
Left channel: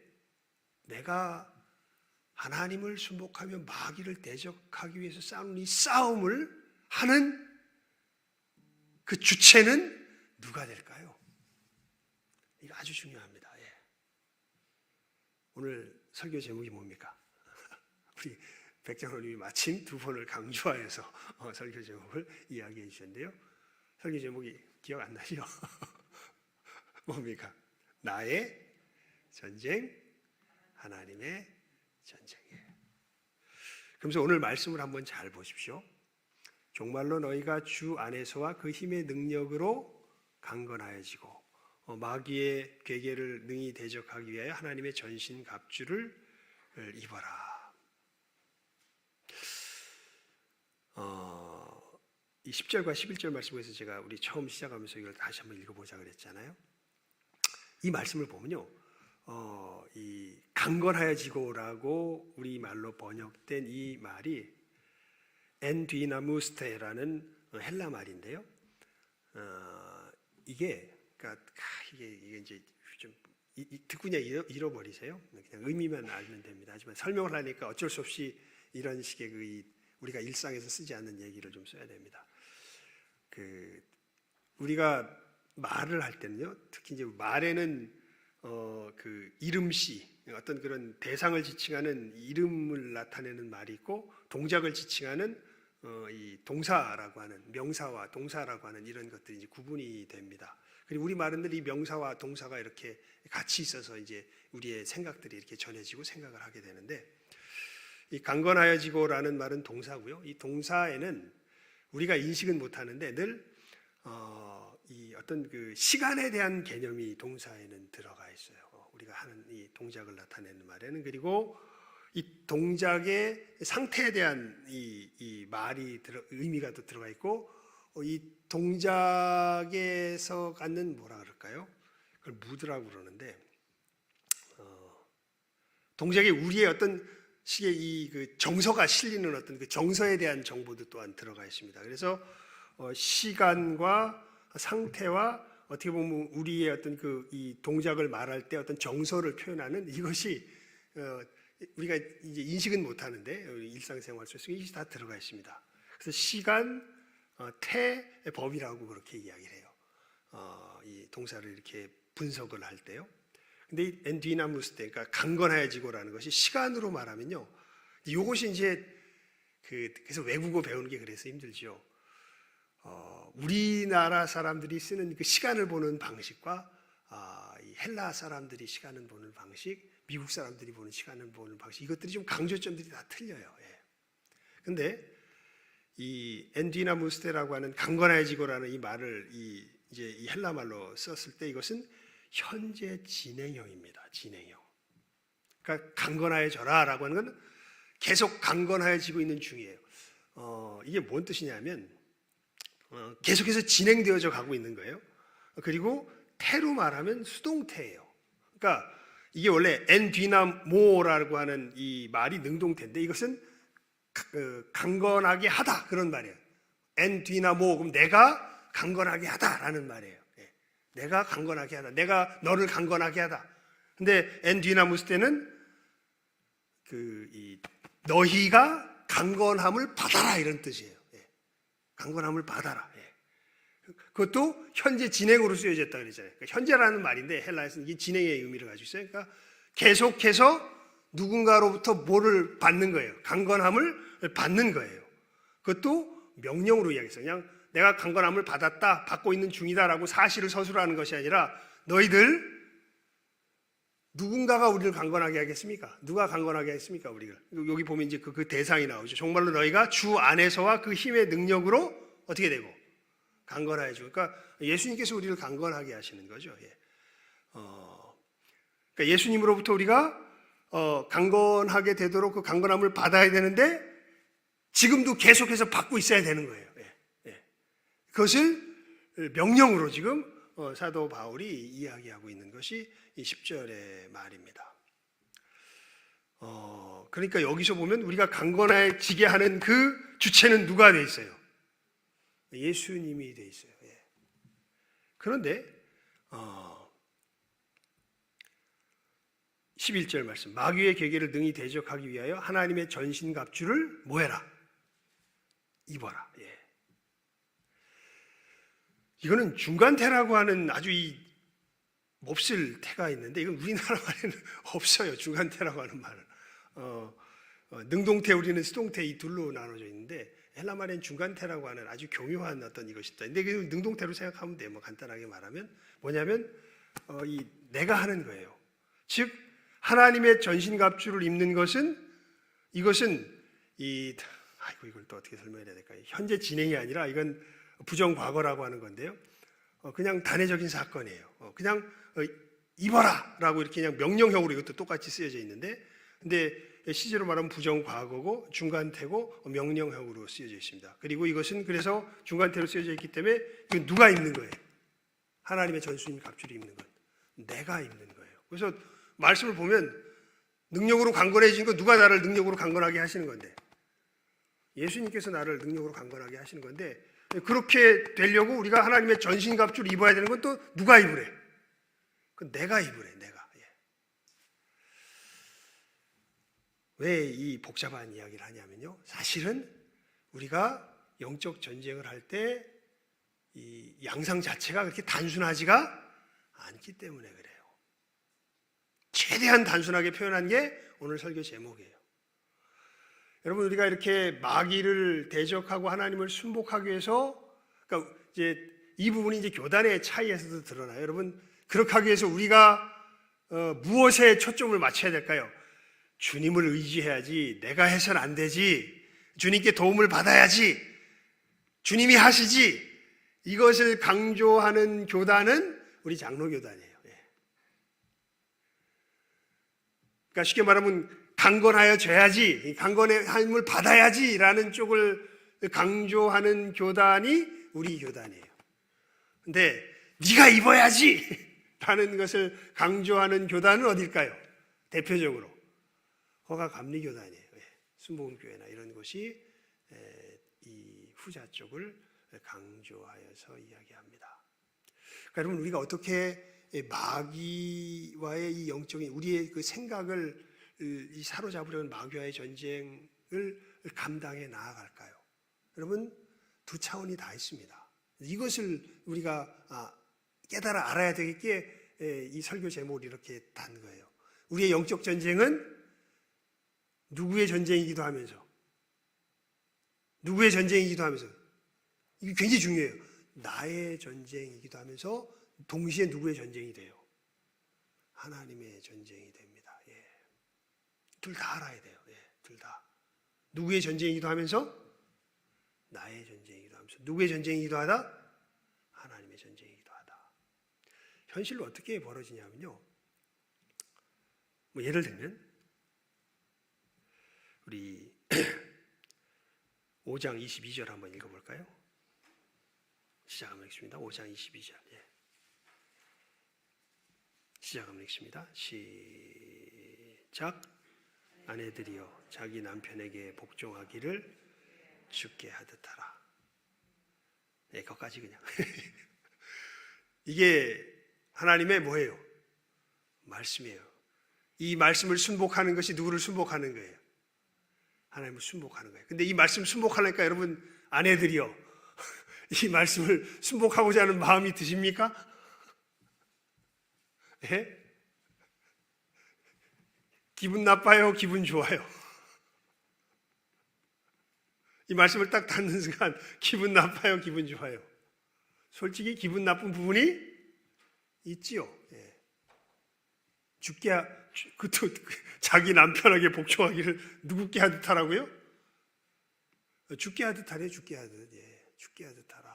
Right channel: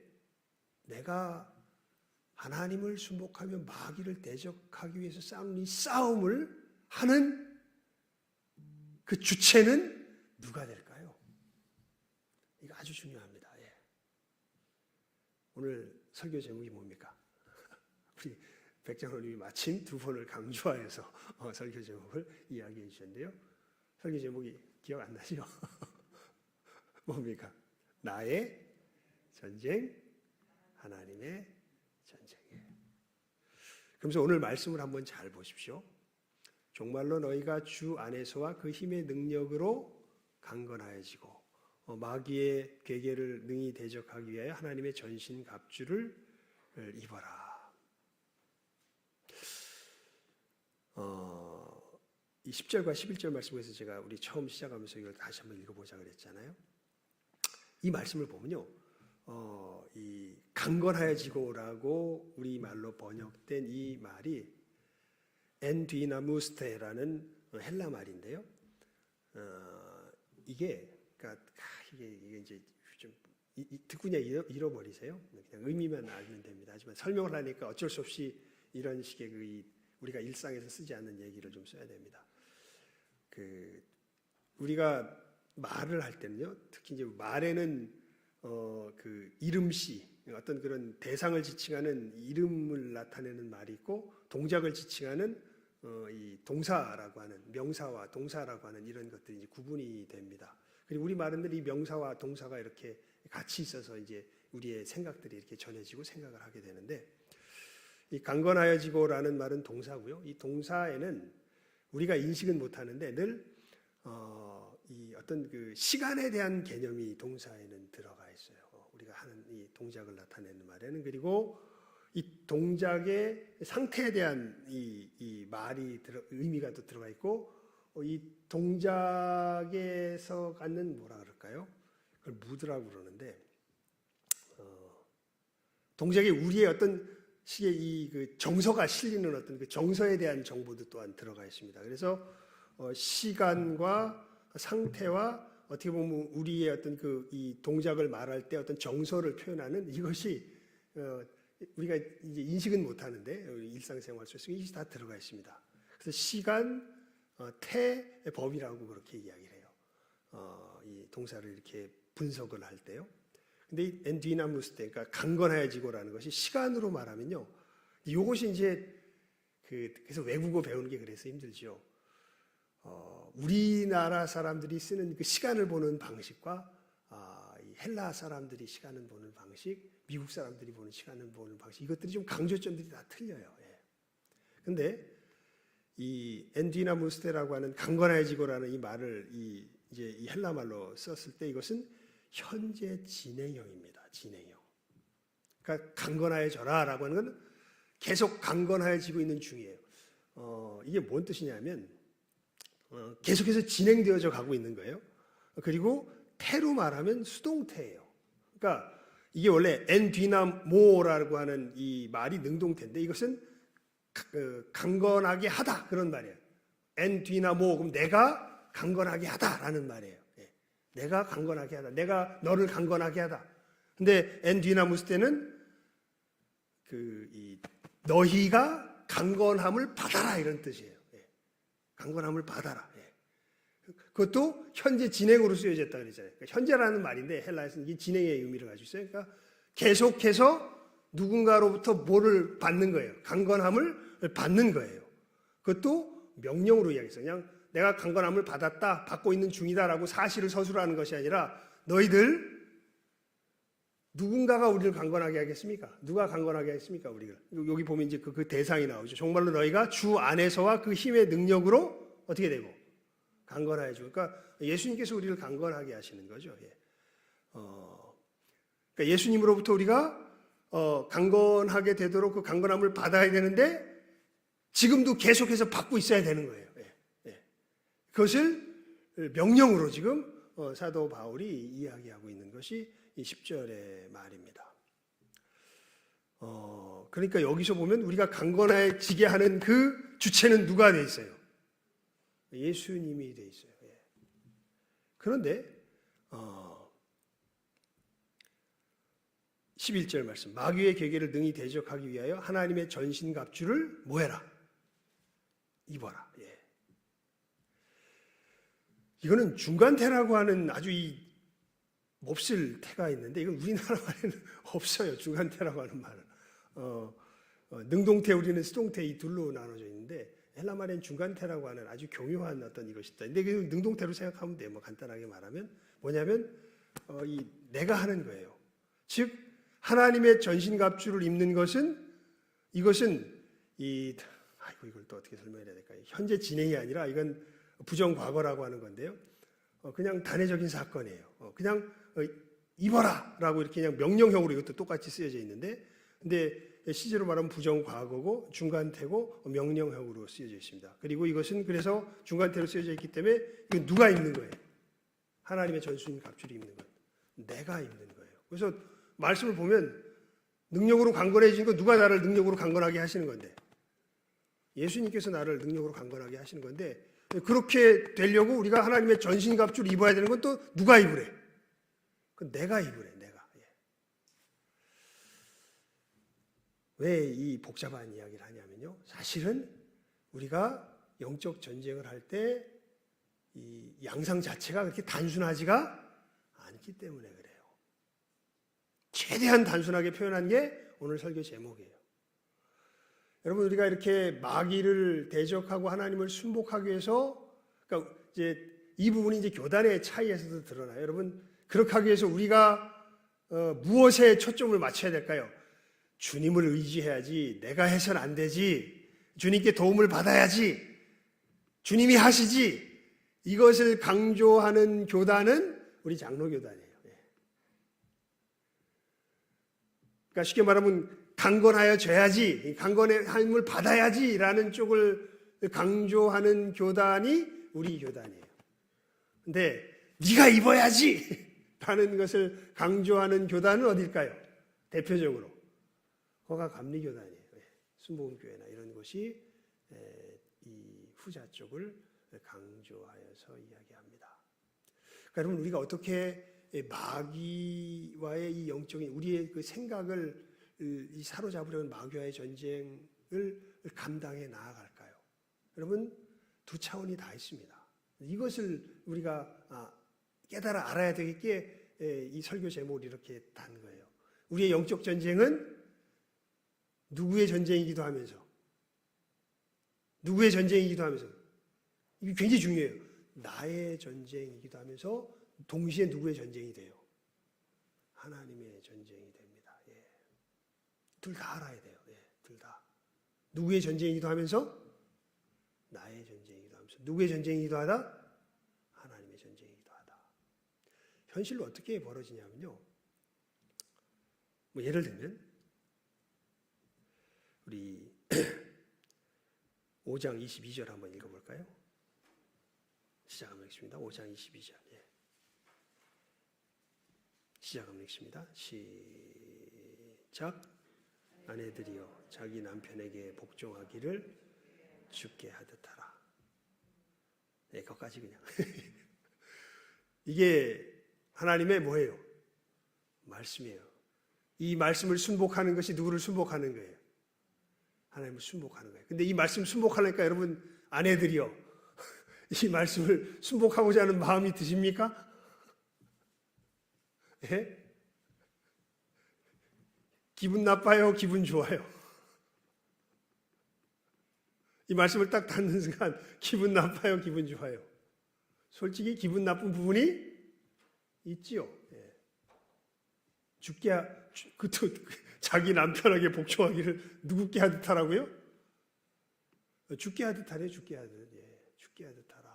내가 하나님을 순복하며 마귀를 대적하기 위해서 싸우는 이 싸움을 하는 그 주체는 누가 될까요? 이거 아주 중요합니다. 오늘 설교 제목이 뭡니까? 우리 백장로님이 마침 두 번을 강조하여서 설교 제목을 이야기해 주셨는데요. 설교 제목이 기억 안 나죠? 뭡니까? 나의 전쟁, 하나님의 전쟁이에요. 그래서 오늘 말씀을 한번 잘 보십시오. 정말로 너희가 주 안에서와 그 힘의 능력으로 강건하여지고 마귀의 괴계를 능히 대적하기 위하여 하나님의 전신 갑주를 입어라. 이 10절과 11절 말씀에서 제가 우리 처음 시작하면서 이걸 다시 한번 읽어보자 그랬잖아요. 이 말씀을 보면요, 이 강건하여지고라고 우리 말로 번역된 이 말이 엔디나무스테라는 헬라 말인데요. 이게 이제 좀 듣고 그냥 잃어버리세요. 그냥 의미만 알면 됩니다. 하지만 설명을 하니까 어쩔 수 없이 이런 식의 우리가 일상에서 쓰지 않는 얘기를 좀 써야 됩니다. 우리가 말을 할 때는요, 특히 이제 말에는 이름시, 어떤 그런 대상을 지칭하는 이름을 나타내는 말이 있고, 동작을 지칭하는 이 동사라고 하는, 명사와 동사라고 하는 이런 것들이 이제 구분이 됩니다. 그리고 우리 말은 이 명사와 동사가 이렇게 같이 있어서 이제 우리의 생각들이 이렇게 전해지고 생각을 하게 되는데, 이 강건하여지고라는 말은 동사고요. 이 동사에는 우리가 인식은 못하는데 늘 이 어떤 그 시간에 대한 개념이 동사에는 들어가 있어요. 우리가 하는 이 동작을 나타내는 말에는. 그리고 이 동작의 상태에 대한 이 말이 의미가 또 들어가 있고, 이 동작에서 갖는 뭐라 그럴까요? 그걸 무드라고 그러는데, 동작에 우리의 어떤 식의 그 정서가 실리는 어떤 그 정서에 대한 정보도 또한 들어가 있습니다. 그래서 시간과 상태와 어떻게 보면 우리의 어떤 이 동작을 말할 때 어떤 정서를 표현하는 이것이 우리가 이제 인식은 못하는데 일상생활 속에서 이것이 다 들어가 있습니다. 그래서 시간, 태의 법이라고 그렇게 이야기를 해요. 이 동사를 이렇게 분석을 할 때요. 근데 이 엔디나무스테, 그러니까 강건해지고라는 것이 시간으로 말하면요, 이것이 이제 그래서 외국어 배우는 게 그래서 힘들죠. 우리나라 사람들이 쓰는 그 시간을 보는 방식과 이 헬라 사람들이 시간을 보는 방식, 미국 사람들이 보는 시간을 보는 방식, 이것들이 좀 강조점들이 다 틀려요. 근데 이 엔디나무스테라고 하는 강건해지고라는 이 말을 이제 이 헬라 말로 썼을 때 이것은 현재 진행형입니다. 진행형. 그러니까 강건해져라라고 하는 건 계속 강건해지고 있는 중이에요. 이게 뭔 뜻이냐면 계속해서 진행되어져 가고 있는 거예요. 그리고 태로 말하면 수동태예요. 그러니까 이게 원래 엔디나모라고 하는 이 말이 능동태인데 이것은 강건하게 하다 그런 말이에요. 엔디나모, 그럼 내가 강건하게 하다라는 말이에요. 내가 강건하게 하다. 내가 너를 강건하게 하다. 근데 엔디나무스 때는 너희가 강건함을 받아라 이런 뜻이에요. 강건함을 받아라. 그것도 현재 진행으로 쓰여졌다 그랬잖아요. 그러니까 현재라는 말인데 헬라에서는 이게 진행의 의미를 가지고 있어요. 그러니까 계속해서 누군가로부터 뭐를 받는 거예요. 강건함을 받는 거예요. 그것도 명령으로 이야기했어요. 그냥 내가 강건함을 받았다, 받고 있는 중이다라고 사실을 서술하는 것이 아니라 너희들 누군가가 우리를 강건하게 하겠습니까? 누가 강건하게 하겠습니까? 우리를. 여기 보면 이제 그 대상이 나오죠. 정말로 너희가 주 안에서와 그 힘의 능력으로 어떻게 되고 강건하여지고. 그러니까 예수님께서 우리를 강건하게 하시는 거죠. 예. 그러니까 예수님으로부터 우리가 강건하게 되도록 그 강건함을 받아야 되는데 지금도 계속해서 받고 있어야 되는 거예요. 예. 예. 그것을 명령으로 지금 사도 바울이 이야기하고 있는 것이 이 10절의 말입니다. 그러니까 여기서 보면 우리가 강건해지게 하는 그 주체는 누가 돼 있어요? 예수님이 돼 있어요. 예. 그런데 11절 말씀, 마귀의 계계를 능히 대적하기 위하여 하나님의 전신갑주를 뭐해라? 입어라. 예. 이거는 중간태라고 하는 아주 이 몹쓸 태가 있는데 이건 우리나라 말에는 없어요. 중간태라고 하는 말은. 능동태, 우리는 수동태, 이 둘로 나눠져 있는데 헬라 말에는 중간태라고 하는 아주 교묘한 어떤 이것이 있다. 근데 그 능동태로 생각하면 돼요. 뭐 간단하게 말하면 뭐냐면 이 내가 하는 거예요. 즉 하나님의 전신갑주를 입는 것은 이것은 이걸 또 어떻게 설명해야 될까요? 현재 진행이 아니라 이건 부정과거라고 하는 건데요. 그냥 단회적인 사건이에요. 그냥 입어라라고 이렇게 그냥 명령형으로 이것도 똑같이 쓰여져 있는데, 근데 시제로 말하면 부정과거고 중간태고 명령형으로 쓰여져 있습니다. 그리고 이것은 그래서 중간태로 쓰여져 있기 때문에 이건 누가 입는 거예요? 하나님의 전신갑주를 입는 것. 내가 입는 거예요. 그래서 말씀을 보면 능력으로 강건해진 거 누가 나를 능력으로 강건하게 하시는 건데? 예수님께서 나를 능력으로 강건하게 하시는 건데 그렇게 되려고 우리가 하나님의 전신갑주를 입어야 되는 건 또 누가 입으래? 그 내가 입으래, 내가. 예. 왜 이 복잡한 이야기를 하냐면요. 사실은 우리가 영적 전쟁을 할 때 이 양상 자체가 그렇게 단순하지가 않기 때문에 그래요. 최대한 단순하게 표현한 게 오늘 설교 제목이에요. 여러분, 우리가 이렇게 마귀를 대적하고 하나님을 순복하기 위해서, 그러니까 이제 이 부분이 이제 교단의 차이에서도 드러나요. 여러분, 그렇게 하기 위해서 우리가 무엇에 초점을 맞춰야 될까요? 주님을 의지해야지. 내가 해서는 안 되지. 주님께 도움을 받아야지. 주님이 하시지. 이것을 강조하는 교단은 우리 장로교단이에요. 그러니까 쉽게 말하면 강건하여져야지, 강건함을 받아야지라는 쪽을 강조하는 교단이 우리 교단이에요. 근데 네가 입어야지 라는 것을 강조하는 교단은 어딜까요? 대표적으로 허가감리교단이에요. 순복음교회나 이런 곳이 이 후자 쪽을 강조하여서 이야기합니다. 그러니까 여러분, 우리가 어떻게 마귀와의 이 영적인 우리의 그 생각을 이 사로잡으려는 마귀와의 전쟁을 감당해 나아갈까요? 여러분, 두 차원이 다 있습니다. 이것을 우리가 깨달아 알아야 되겠기에 이 설교 제목을 이렇게 단 거예요. 우리의 영적 전쟁은 누구의 전쟁이기도 하면서, 누구의 전쟁이기도 하면서, 이게 굉장히 중요해요. 나의 전쟁이기도 하면서 동시에 누구의 전쟁이 돼요? 하나님의 전쟁이 됩니다. 예. 둘 다 알아야 돼요. 예. 둘 다. 누구의 전쟁이기도 하면서 나의 전쟁이기도 하면서, 누구의 전쟁이기도 하다? 하나님의 전쟁이기도 하다. 현실로 어떻게 벌어지냐면요. 뭐 예를 들면 우리 5장 22절 한번 읽어볼까요? 시작하면 읽습니다. 5장 22절. 예. 시작하면 읽습니다. 시작. 아내들이여 자기 남편에게 복종하기를 주께 하듯 하라. 네, 거기까지 그냥. 이게 하나님의 뭐예요? 말씀이에요. 이 말씀을 순복하는 것이 누구를 순복하는 거예요? 하나님을 순복하는 거예요. 근데 이 말씀 순복하니까 여러분, 아내들이요, 이 말씀을 순복하고자 하는 마음이 드십니까? 예? 기분 나빠요? 기분 좋아요? 이 말씀을 딱 듣는 순간 기분 나빠요? 기분 좋아요? 솔직히 기분 나쁜 부분이 있지요. 예. 그것도 자기 남편에게 복종하기를 누구께 하듯 하라고요? 죽게 하듯 하래. 죽게 하듯. 예. 죽게 하듯 하라.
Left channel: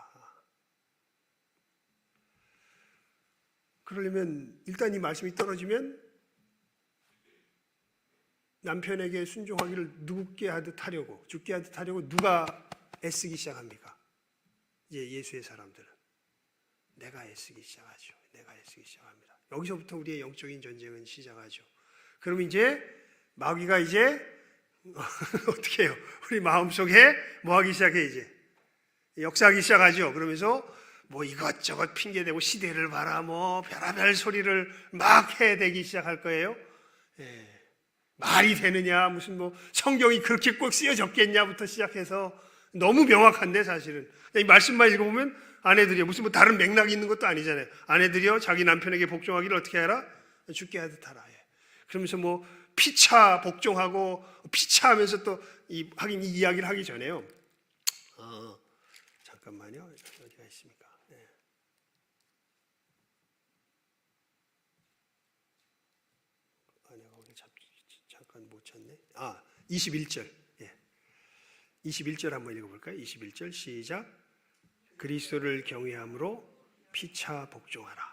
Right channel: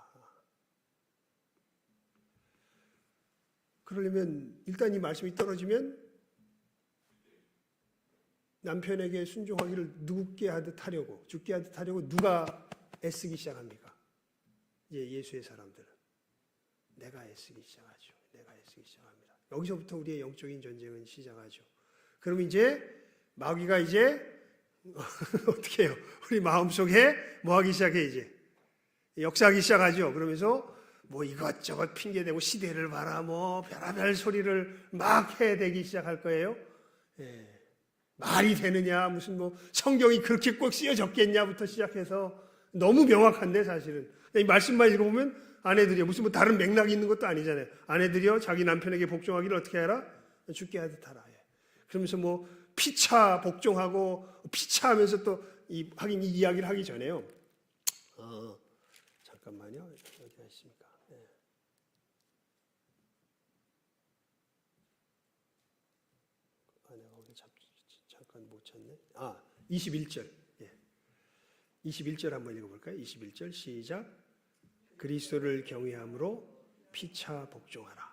그러려면 일단 이 말씀이 떨어지면 남편에게 순종하기를 누구께 하듯 하려고, 죽게 하듯 하려고 누가 애쓰기 시작합니까? 이제 예수의 사람들은 내가 애쓰기 시작하죠. 내가 애쓰기 시작합니다. 여기서부터 우리의 영적인 전쟁은 시작하죠. 그럼 이제 마귀가 이제 어떻게 해요? 우리 마음속에 뭐 하기 시작해? 이제 역사하기 시작하죠. 그러면서 뭐 이것저것 핑계대고 시대를 봐라 뭐 별의별 소리를 막 해대기 시작할 거예요. 예. 말이 되느냐, 무슨 뭐 성경이 그렇게 꼭 쓰여졌겠냐부터 시작해서 너무 명확한데 사실은 이 말씀만 읽어보면 아내들이요, 무슨 뭐 다른 맥락이 있는 것도 아니잖아요. 아내들이요, 자기 남편에게 복종하기를 어떻게 하라? 죽게 하듯 하라. 예. 그러면서 뭐 피차 복종하고 피차하면서 또 하긴 이 이야기를 하기 전에요. 잠깐만요, 어디가 있습니까? 예. 거기 잠깐 못 찾네. 21절. 예. 21절 한번 읽어볼까요? 21절 시작. 그리스도를 경외함으로 피차 복종하라.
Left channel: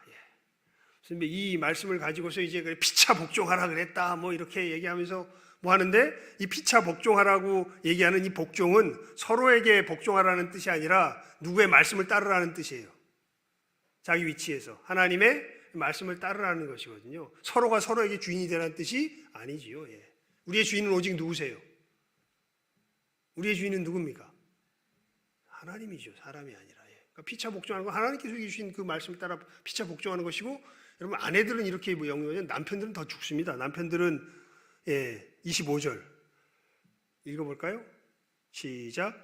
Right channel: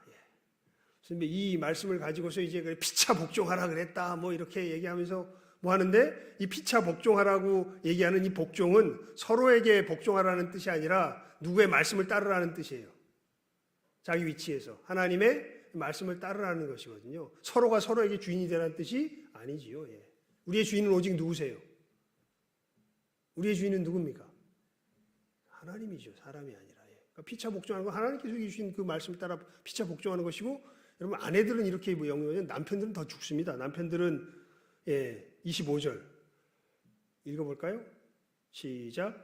예. 이 말씀을 가지고서 이제 피차 복종하라 그랬다 뭐 이렇게 얘기하면서 뭐 하는데, 이 피차 복종하라고 얘기하는 이 복종은 서로에게 복종하라는 뜻이 아니라 누구의 말씀을 따르라는 뜻이에요. 자기 위치에서 하나님의 말씀을 따르라는 것이거든요. 서로가 서로에게 주인이 되라는 뜻이 아니지요. 예. 우리의 주인은 오직 누구세요? 우리의 주인은 누굽니까? 하나님이죠. 사람이 아니라. 예. 그러니까 피차 복종하는 건 하나님께서 주신 그 말씀을 따라 피차 복종하는 것이고, 여러분 아내들은 이렇게 영위하면 남편들은 더 죽습니다. 남편들은 25절 읽어볼까요? 시작.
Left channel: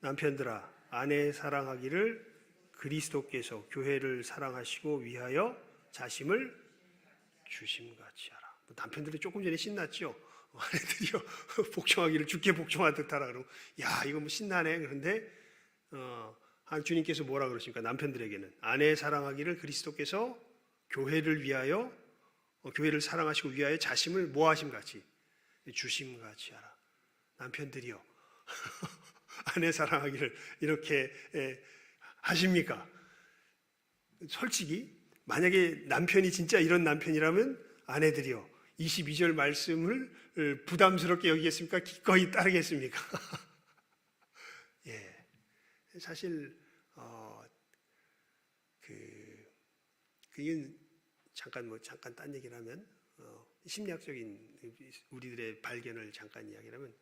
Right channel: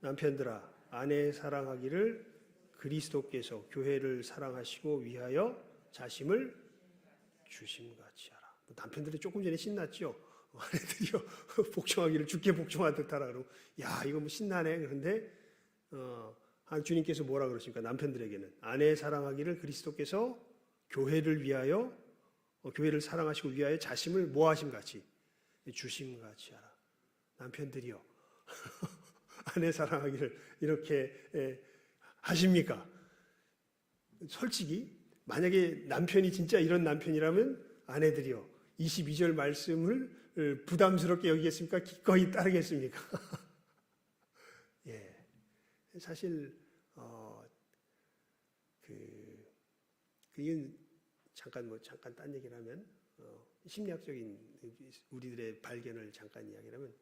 남편들아 아내 사랑하기를 그리스도께서 교회를 사랑하시고 위하여 자심을 주심같이 하라. 남편들이 조금 전에 신났죠. 아내들이요 복종하기를 주께 복종하듯 하라. 그러고 야 이거 뭐 신나네. 그런데 주님께서 뭐라 그러십니까? 남편들에게는 아내 사랑하기를 그리스도께서 교회를 위하여 교회를 사랑하시고 위하여 자심을 뭐 하심같이 주심같이 하라. 남편들이요 아내 사랑하기를 이렇게 하십니까? 솔직히 만약에 남편이 진짜 이런 남편이라면 아내들이요 22절 말씀을 부담스럽게 여기겠습니까? 기꺼이 따르겠습니까? 예, 사실 그건 잠깐 딴 얘기를 하면 심리학적인 우리들의 발견을 잠깐 이야기를 하면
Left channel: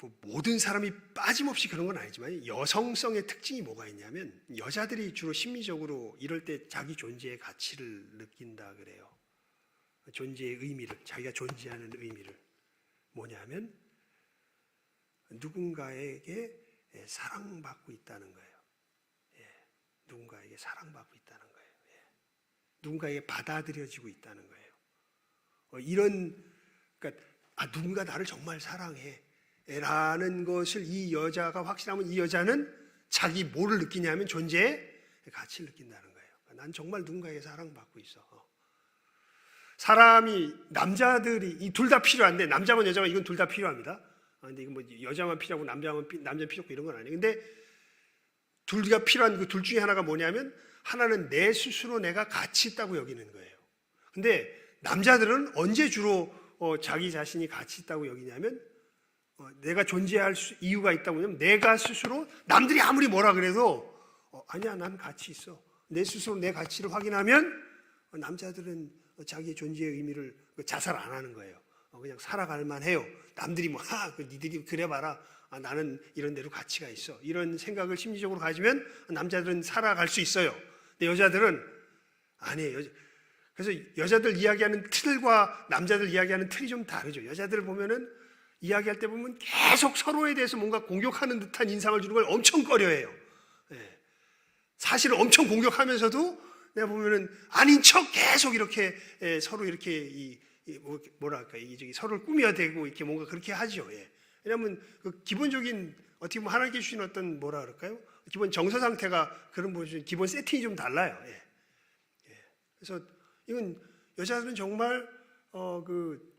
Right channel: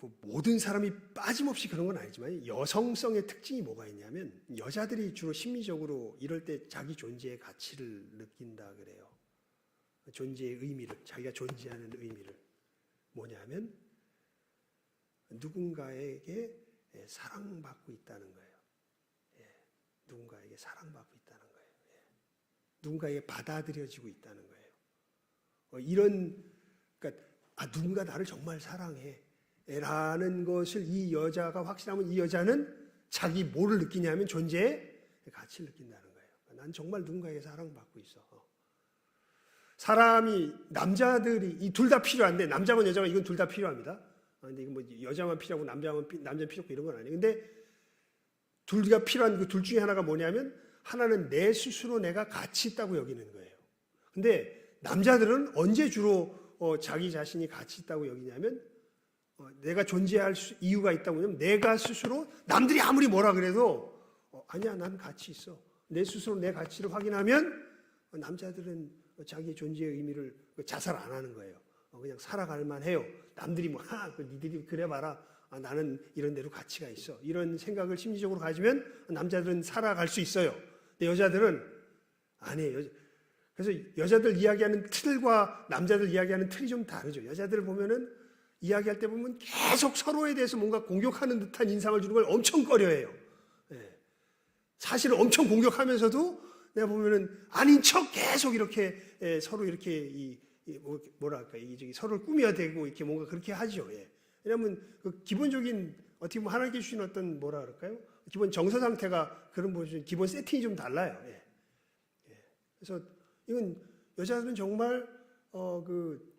뭐 모든 사람이 빠짐없이 그런 건 아니지만 여성성의 특징이 뭐가 있냐면 여자들이 주로 심리적으로 이럴 때 자기 존재의 가치를 느낀다 그래요. 존재의 의미를, 자기가 존재하는 의미를 뭐냐면 누군가에게 사랑받고 있다는 거예요. 누군가에게 사랑받고 있다는 거예요. 누군가에게 받아들여지고 있다는 거예요. 그러니까 누군가 나를 정말 사랑해 라는 것을 이 여자가 확신하면 이 여자는 자기 뭐를 느끼냐면 존재의 가치를 느낀다는 거예요. 난 정말 누군가에게 사랑받고 있어. 사람이 남자들이 이 둘 다 필요한데 남자건 여자건 이건 둘 다 필요합니다. 근데 이건 뭐 여자만 필요하고 남자만 필요하고 이런 건 아니에요. 근데 둘 다 필요한 그 둘 중에 하나가 뭐냐면 하나는 내 스스로 내가 가치 있다고 여기는 거예요. 근데 남자들은 언제 주로 자기 자신이 가치 있다고 여기냐면 내가 존재할 이유가 있다고 하면 내가 스스로 남들이 아무리 뭐라 그래도 아니야 난 가치 있어. 내 스스로 내 가치를 확인하면 남자들은 자기의 존재의 의미를 자살 안 하는 거예요. 그냥 살아갈 만해요. 남들이 뭐 니들이 그래봐라. 나는 이런 대로 가치가 있어. 이런 생각을 심리적으로 가지면 남자들은 살아갈 수 있어요. 근데 여자들은 아니에요. 그래서 여자들 이야기하는 틀과 남자들 이야기하는 틀이 좀 다르죠. 여자들 보면은 이야기할 때 보면 계속 서로에 대해서 뭔가 공격하는 듯한 인상을 주는 걸 엄청 꺼려해요. 사실을 엄청 공격하면서도 내가 보면은 아닌 척 계속 이렇게 서로 이렇게 뭐랄까 서로를 꾸며대고 이렇게 뭔가 그렇게 하죠. 왜냐하면 그 기본적인 어떻게 보면 하나님께 주신 어떤 뭐라 그럴까요? 기본 정서 상태가 그런 뭐 기본 세팅이 좀 달라요. 그래서 이건 여자들은 정말 그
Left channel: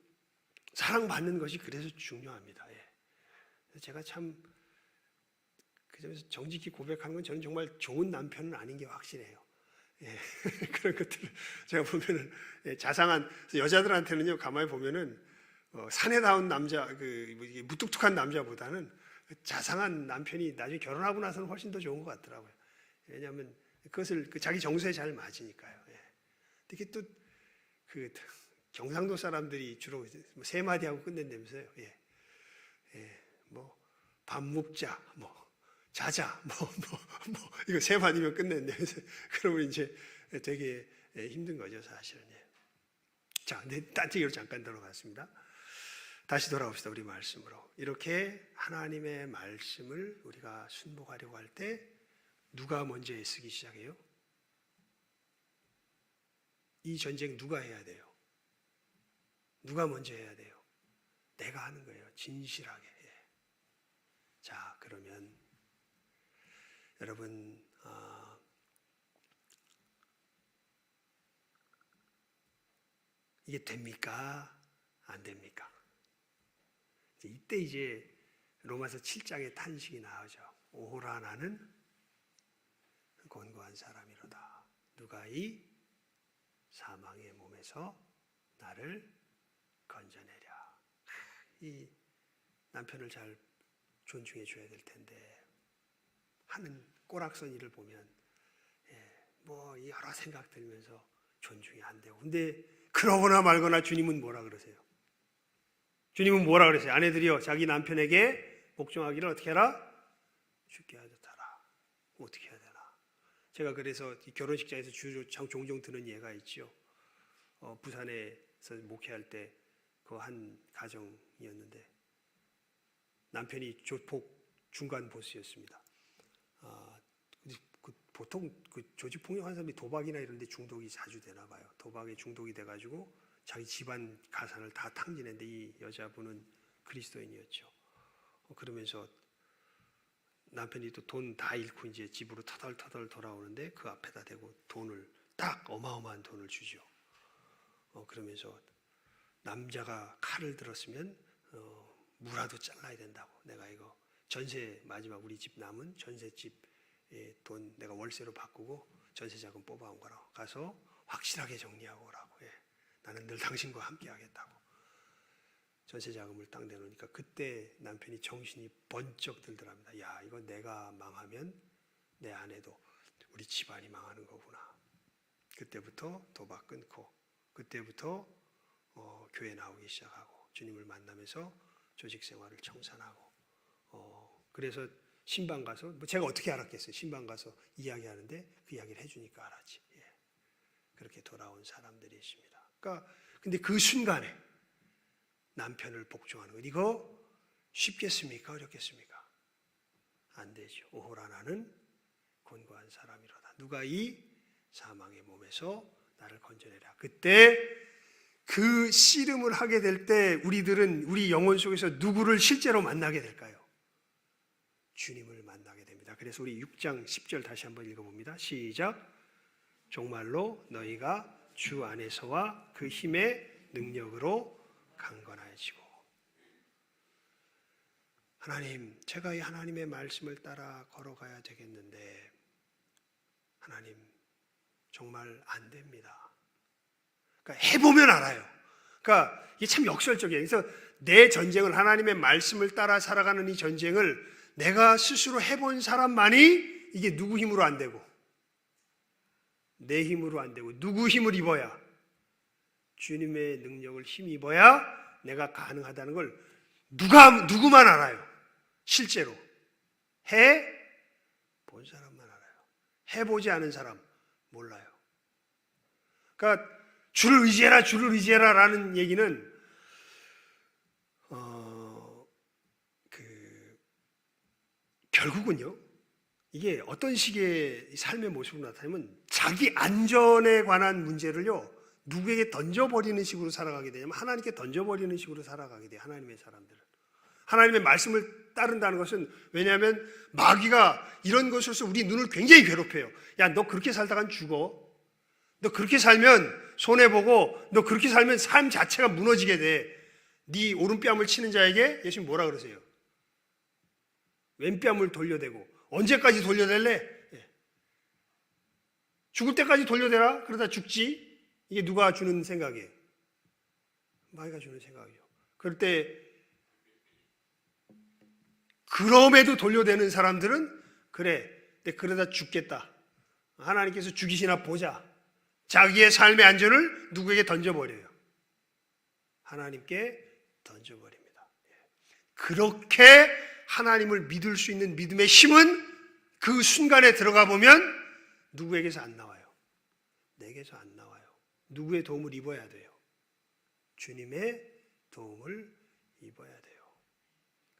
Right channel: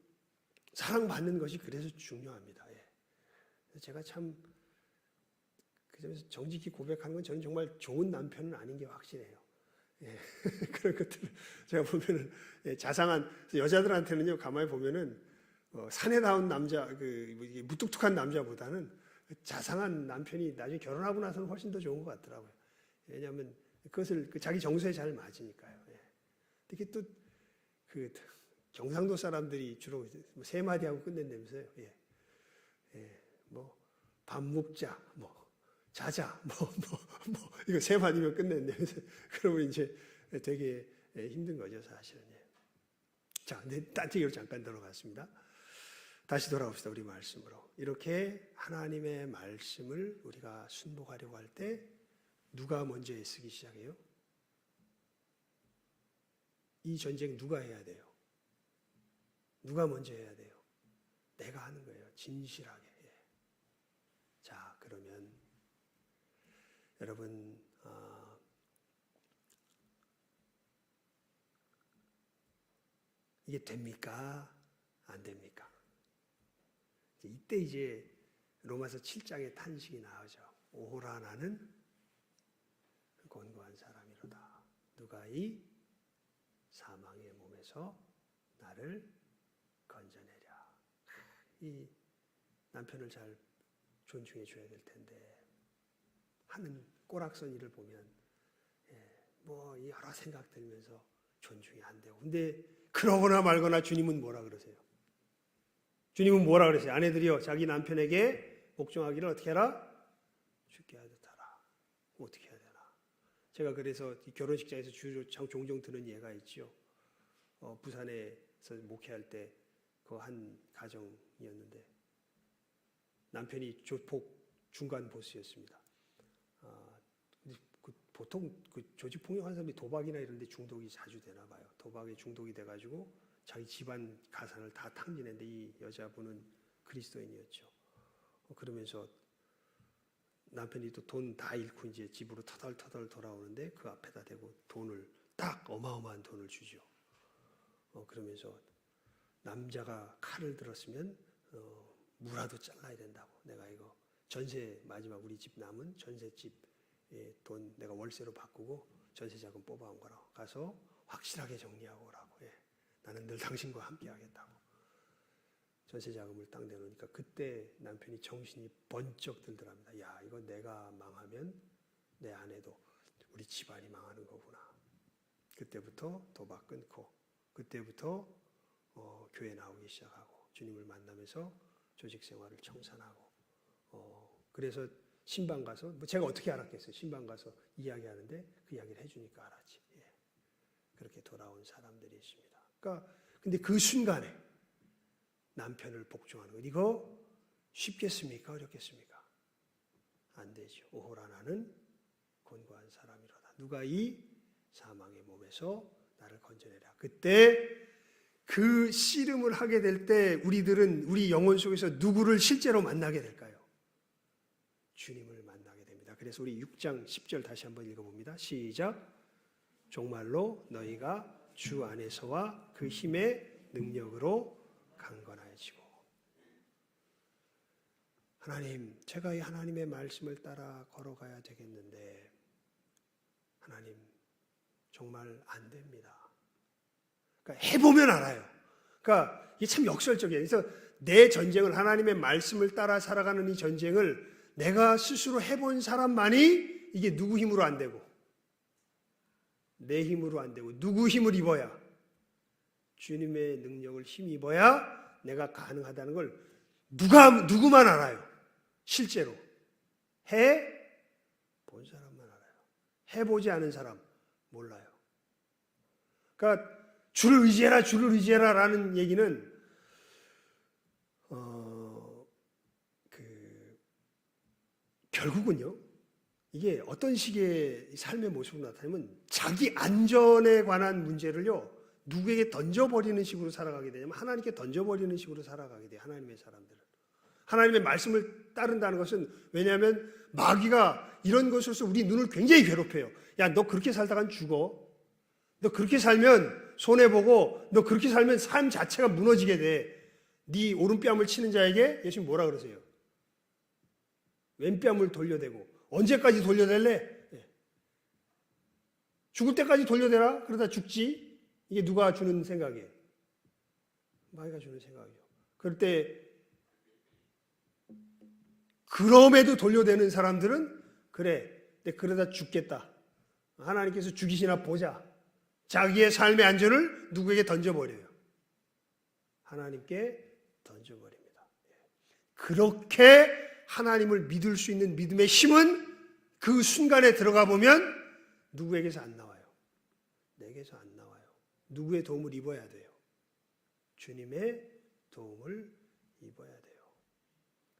사랑받는 것이 그래서 중요합니다. 제가 참 그래서 정직히 고백하는 건 저는 정말 좋은 남편은 아닌 게 확실해요. 예, 그런 것들 제가 보면은 자상한 여자들한테는요 가만히 보면은 사내다운 남자 무뚝뚝한 남자보다는 자상한 남편이 나중에 결혼하고 나서는 훨씬 더 좋은 것 같더라고요. 왜냐하면 그것을 자기 정서에 잘 맞으니까요. 예. 특히 또 그 경상도 사람들이 주로 세 마디 하고 끝낸다면서요. 예. 예. 뭐 밥 먹자, 뭐 자자, 이거 세 마디면 끝낸다면서 그러면 이제 되게 힘든 거죠, 사실은. 예. 자, 딴 얘기로 잠깐 들어갔습니다. 다시 돌아옵시다, 우리 말씀으로. 이렇게 하나님의 말씀을 우리가 순복하려고 할 때 누가 먼저 애쓰기 시작해요? 이 전쟁 누가 해야 돼요? 누가 먼저 해야 돼요? 내가 하는 거예요, 진실하게. 자, 그러면 여러분 이게 됩니까? 안 됩니까? 이때 이제 로마서 7장의 탄식이 나오죠. 오호라 나는 곤고한 사람이로다. 누가 이 사망의 몸에서 나를 건져내랴. 이 남편을 잘 존중해 줘야 될 텐데 하는 꼬락선 일을 보면 뭐 여러 생각 들면서 존중이 안 되고, 근데 그러거나 말거나 주님은 뭐라 그러세요? 주님은 뭐라 그러세요? 아내들이여 자기 남편에게 복종하기를 어떻게 해라? 죽게 하듯 하라. 어떻게 해야 되나? 제가 그래서 결혼식장에서 종종 드는 예가 있죠. 부산에서 목회할 때 그 한 가정이었는데 남편이 조폭 중간 보스였습니다. 보통 조직폭력하는 사람이 도박이나 이런 데 중독이 자주 되나 봐요. 도박에 중독이 돼가지고 자기 집안 가산을 다 탕진했는데 이 여자분은 그리스도인이었죠. 그러면서 남편이 또 돈 다 잃고 이제 집으로 터덜터덜 돌아오는데 그 앞에다 대고 돈을 딱 어마어마한 돈을 주죠. 그러면서 남자가 칼을 들었으면 무라도 잘라야 된다고. 내가 이거 전세 마지막 우리 집 남은 전세집 돈 내가 월세로 바꾸고 전세자금 뽑아온 거라고. 가서 확실하게 정리하고 오라고. 나는 늘 당신과 함께 하겠다고. 전세자금을 딱 내놓으니까 그때 남편이 정신이 번쩍 들더랍니다. 야, 이거 내가 망하면 내 아내도 우리 집안이 망하는 거구나. 그때부터 도박 끊고 그때부터 교회 나오기 시작하고 주님을 만나면서 조직 생활을 청산하고 그래서 신방 가서 제가 어떻게 알았겠어요? 신방 가서 이야기하는데 그 이야기를 해주니까 알았지. 그렇게 돌아온 사람들이 있습니다. 그러니까 근데 그 순간에 남편을 복종하는 것 이거 쉽겠습니까? 어렵겠습니까? 안 되죠. 오호라 나는 곤고한 사람이로다. 누가 이 사망의 몸에서 나를 건져내라. 그때 그 씨름을 하게 될 때 우리들은 우리 영혼 속에서 누구를 실제로 만나게 될까요? 주님을 만나게 됩니다. 그래서 우리 6장 10절 다시 한번 읽어봅니다. 시작. 정말로 너희가 주 안에서와 그 힘의 능력으로 강건해지고. 하나님, 제가 이 하나님의 말씀을 따라 걸어가야 되겠는데 하나님 정말 안 됩니다. 그러니까 해보면 알아요. 그러니까 이게 참 역설적이에요. 그래서 내 전쟁을 하나님의 말씀을 따라 살아가는 이 전쟁을 내가 스스로 해본 사람만이 이게 누구 힘으로 안 되고 내 힘으로 안 되고 누구 힘을 입어야 주님의 능력을 힘입어야 내가 가능하다는 걸 누구만 알아요. 실제로 해본 사람만 알아요. 해보지 않은 사람 몰라요. 그러니까 주를 의지해라 라는 얘기는 결국은요 이게 어떤 식의 삶의 모습으로 나타나면 자기 안전에 관한 문제를요 누구에게 던져버리는 식으로 살아가게 되냐면 하나님께 던져버리는 식으로 살아가게 돼요. 하나님의 사람들은 하나님의 말씀을 따른다는 것은 왜냐하면 마귀가 이런 것으로서 우리 눈을 굉장히 괴롭혀요. 야, 너 그렇게 살다간 죽어. 너 그렇게 살면 손해보고 너 그렇게 살면 삶 자체가 무너지게 돼. 네 오른뺨을 치는 자에게 예수님 뭐라 그러세요? 왼뺨을 돌려대고 언제까지 돌려댈래? 죽을 때까지 돌려대라? 그러다 죽지? 이게 누가 주는 생각이에요? 마귀가 주는 생각이죠. 그럴 때 그럼에도 돌려대는 사람들은 그래, 그러다 죽겠다. 하나님께서 죽이시나 보자. 자기의 삶의 안전을 누구에게 던져버려요? 하나님께 던져버립니다. 그렇게 하나님을 믿을 수 있는 믿음의 힘은 그 순간에 들어가 보면 누구에게서 안 나와요. 내게서 안 나와요. 누구의 도움을 입어야 돼요? 주님의 도움을 입어야 돼요.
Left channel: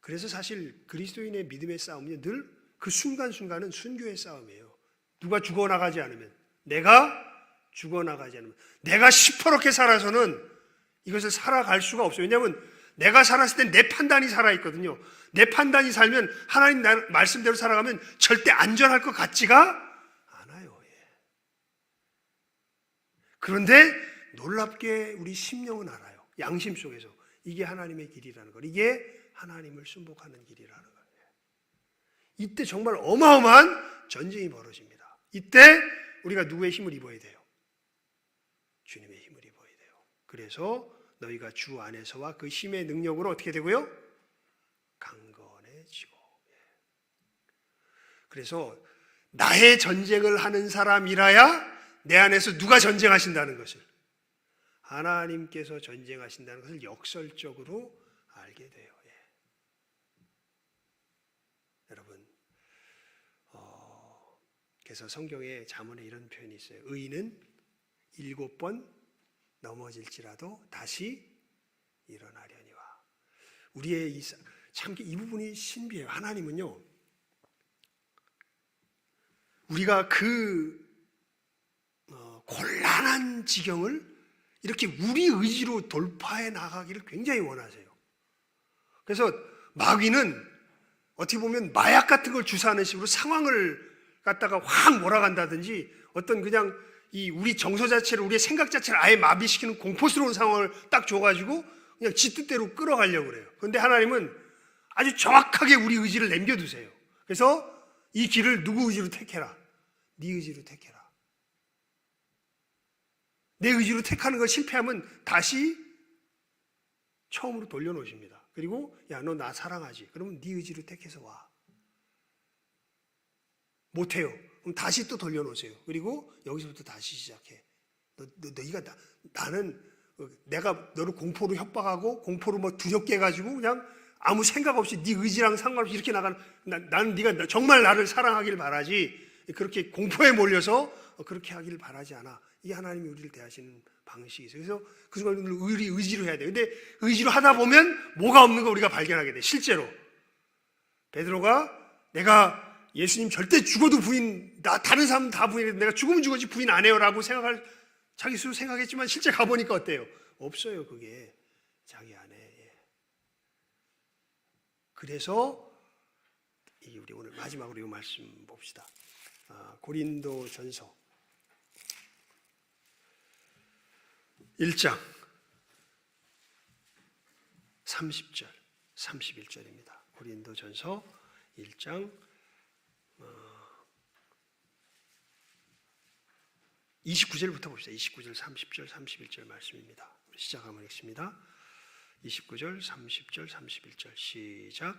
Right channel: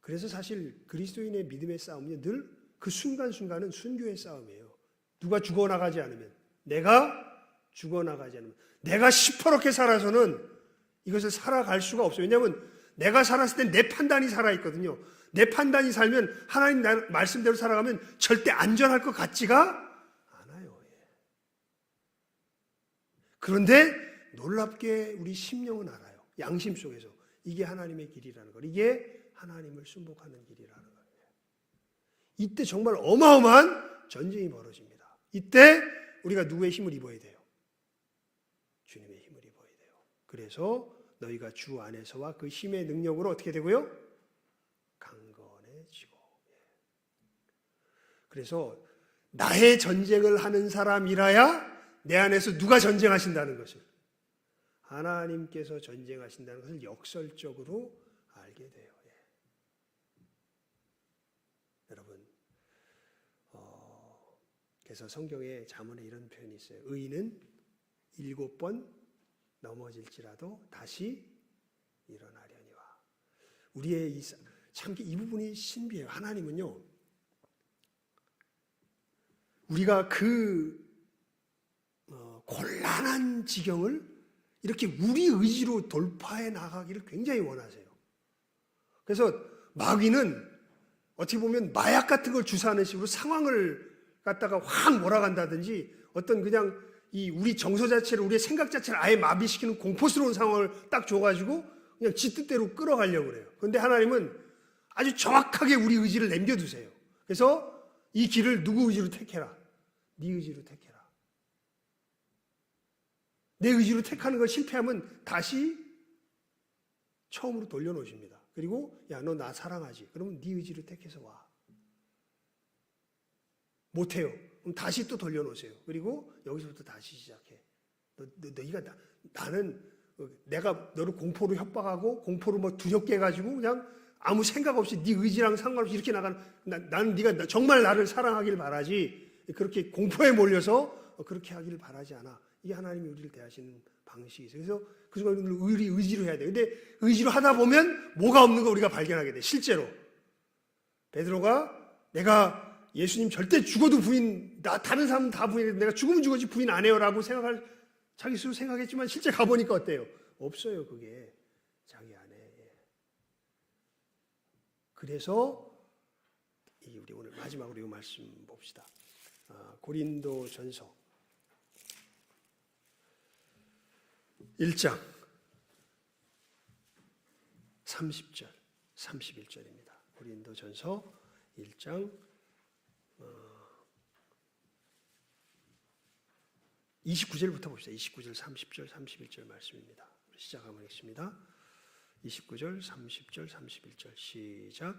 그래서 사실 그리스도인의 믿음의 싸움은 늘 그 순간순간은 순교의 싸움이에요. 누가 죽어나가지 않으면, 내가 죽어나가지 않으면, 내가 시퍼렇게 살아서는 이것을 살아갈 수가 없어요. 왜냐하면 내가 살았을 때 내 판단이 살아있거든요. 내 판단이 살면 하나님 말씀대로 살아가면 절대 안전할 것 같지가 않아요. 그런데 놀랍게 우리 심령은 알아요. 양심 속에서 이게 하나님의 길이라는 걸, 이게 하나님을 순복하는 길이라는 걸. 이때 정말 어마어마한 전쟁이 벌어집니다. 이때 우리가 누구의 힘을 입어야 돼요? 주님의 힘을 입어야 돼요. 그래서 너희가 주 안에서와 그 힘의 능력으로 어떻게 되고요? 강건해지고. 그래서 나의 전쟁을 하는 사람이라야 내 안에서 누가 전쟁하신다는 것을, 하나님께서 전쟁하신다는 것을 역설적으로 알게 돼요. 여러분, 그래서 성경에 잠언에 이런 표현이 있어요. 의인은 7번 넘어질지라도 다시 일어나려니와. 우리의 참 이 부분이 신비해요. 하나님은요, 우리가 그 곤란한 지경을 이렇게 우리 의지로 돌파해 나가기를 굉장히 원하세요. 그래서 마귀는 어떻게 보면 마약 같은 걸 주사하는 식으로 상황을 갖다가 확 몰아간다든지, 어떤 그냥 이 우리 정서 자체를, 우리의 생각 자체를 아예 마비시키는 공포스러운 상황을 딱 줘가지고 그냥 지 뜻대로 끌어가려고 그래요. 그런데 하나님은 아주 정확하게 우리 의지를 남겨두세요. 그래서 이 길을 누구 의지로 택해라? 네 의지로 택해라. 내 의지로 택하는 걸 실패하면 다시 처음으로 돌려놓으십니다. 그리고 야, 너 나 사랑하지? 그러면 네 의지로 택해서 와. 못해요. 그럼 다시 또 돌려놓으세요. 그리고 여기서부터 다시 시작해. 나는 내가 너를 공포로 협박하고 공포로 뭐 두렵게 해가지고 그냥 아무 생각 없이 네 의지랑 상관없이 이렇게 나가는, 나는 네가 정말 나를 사랑하길 바라지, 그렇게 공포에 몰려서 그렇게 하기를 바라지 않아. 이게 하나님이 우리를 대하시는 방식이 있어요. 그래서 그 순간 우리 의지로 해야 돼요. 근데 의지로 하다 보면 뭐가 없는 거 우리가 발견하게 돼. 실제로 베드로가 내가 예수님 절대 죽어도 부인, 나 다른 사람 다 부인해도 내가 죽으면 죽었지 부인 안 해요라고 자기 스스로 생각했지만 실제 가보니까 어때요? 없어요. 그게 자기 안에. 그래서 우리 오늘 마지막으로 이 말씀 봅시다. 고린도전서 1장 30절 31절입니다. 고린도전서 1장 29절부터 봅시다. 29절, 30절, 31절 말씀입니다. 시작하면 읽습니다. 29절, 30절, 31절 시작.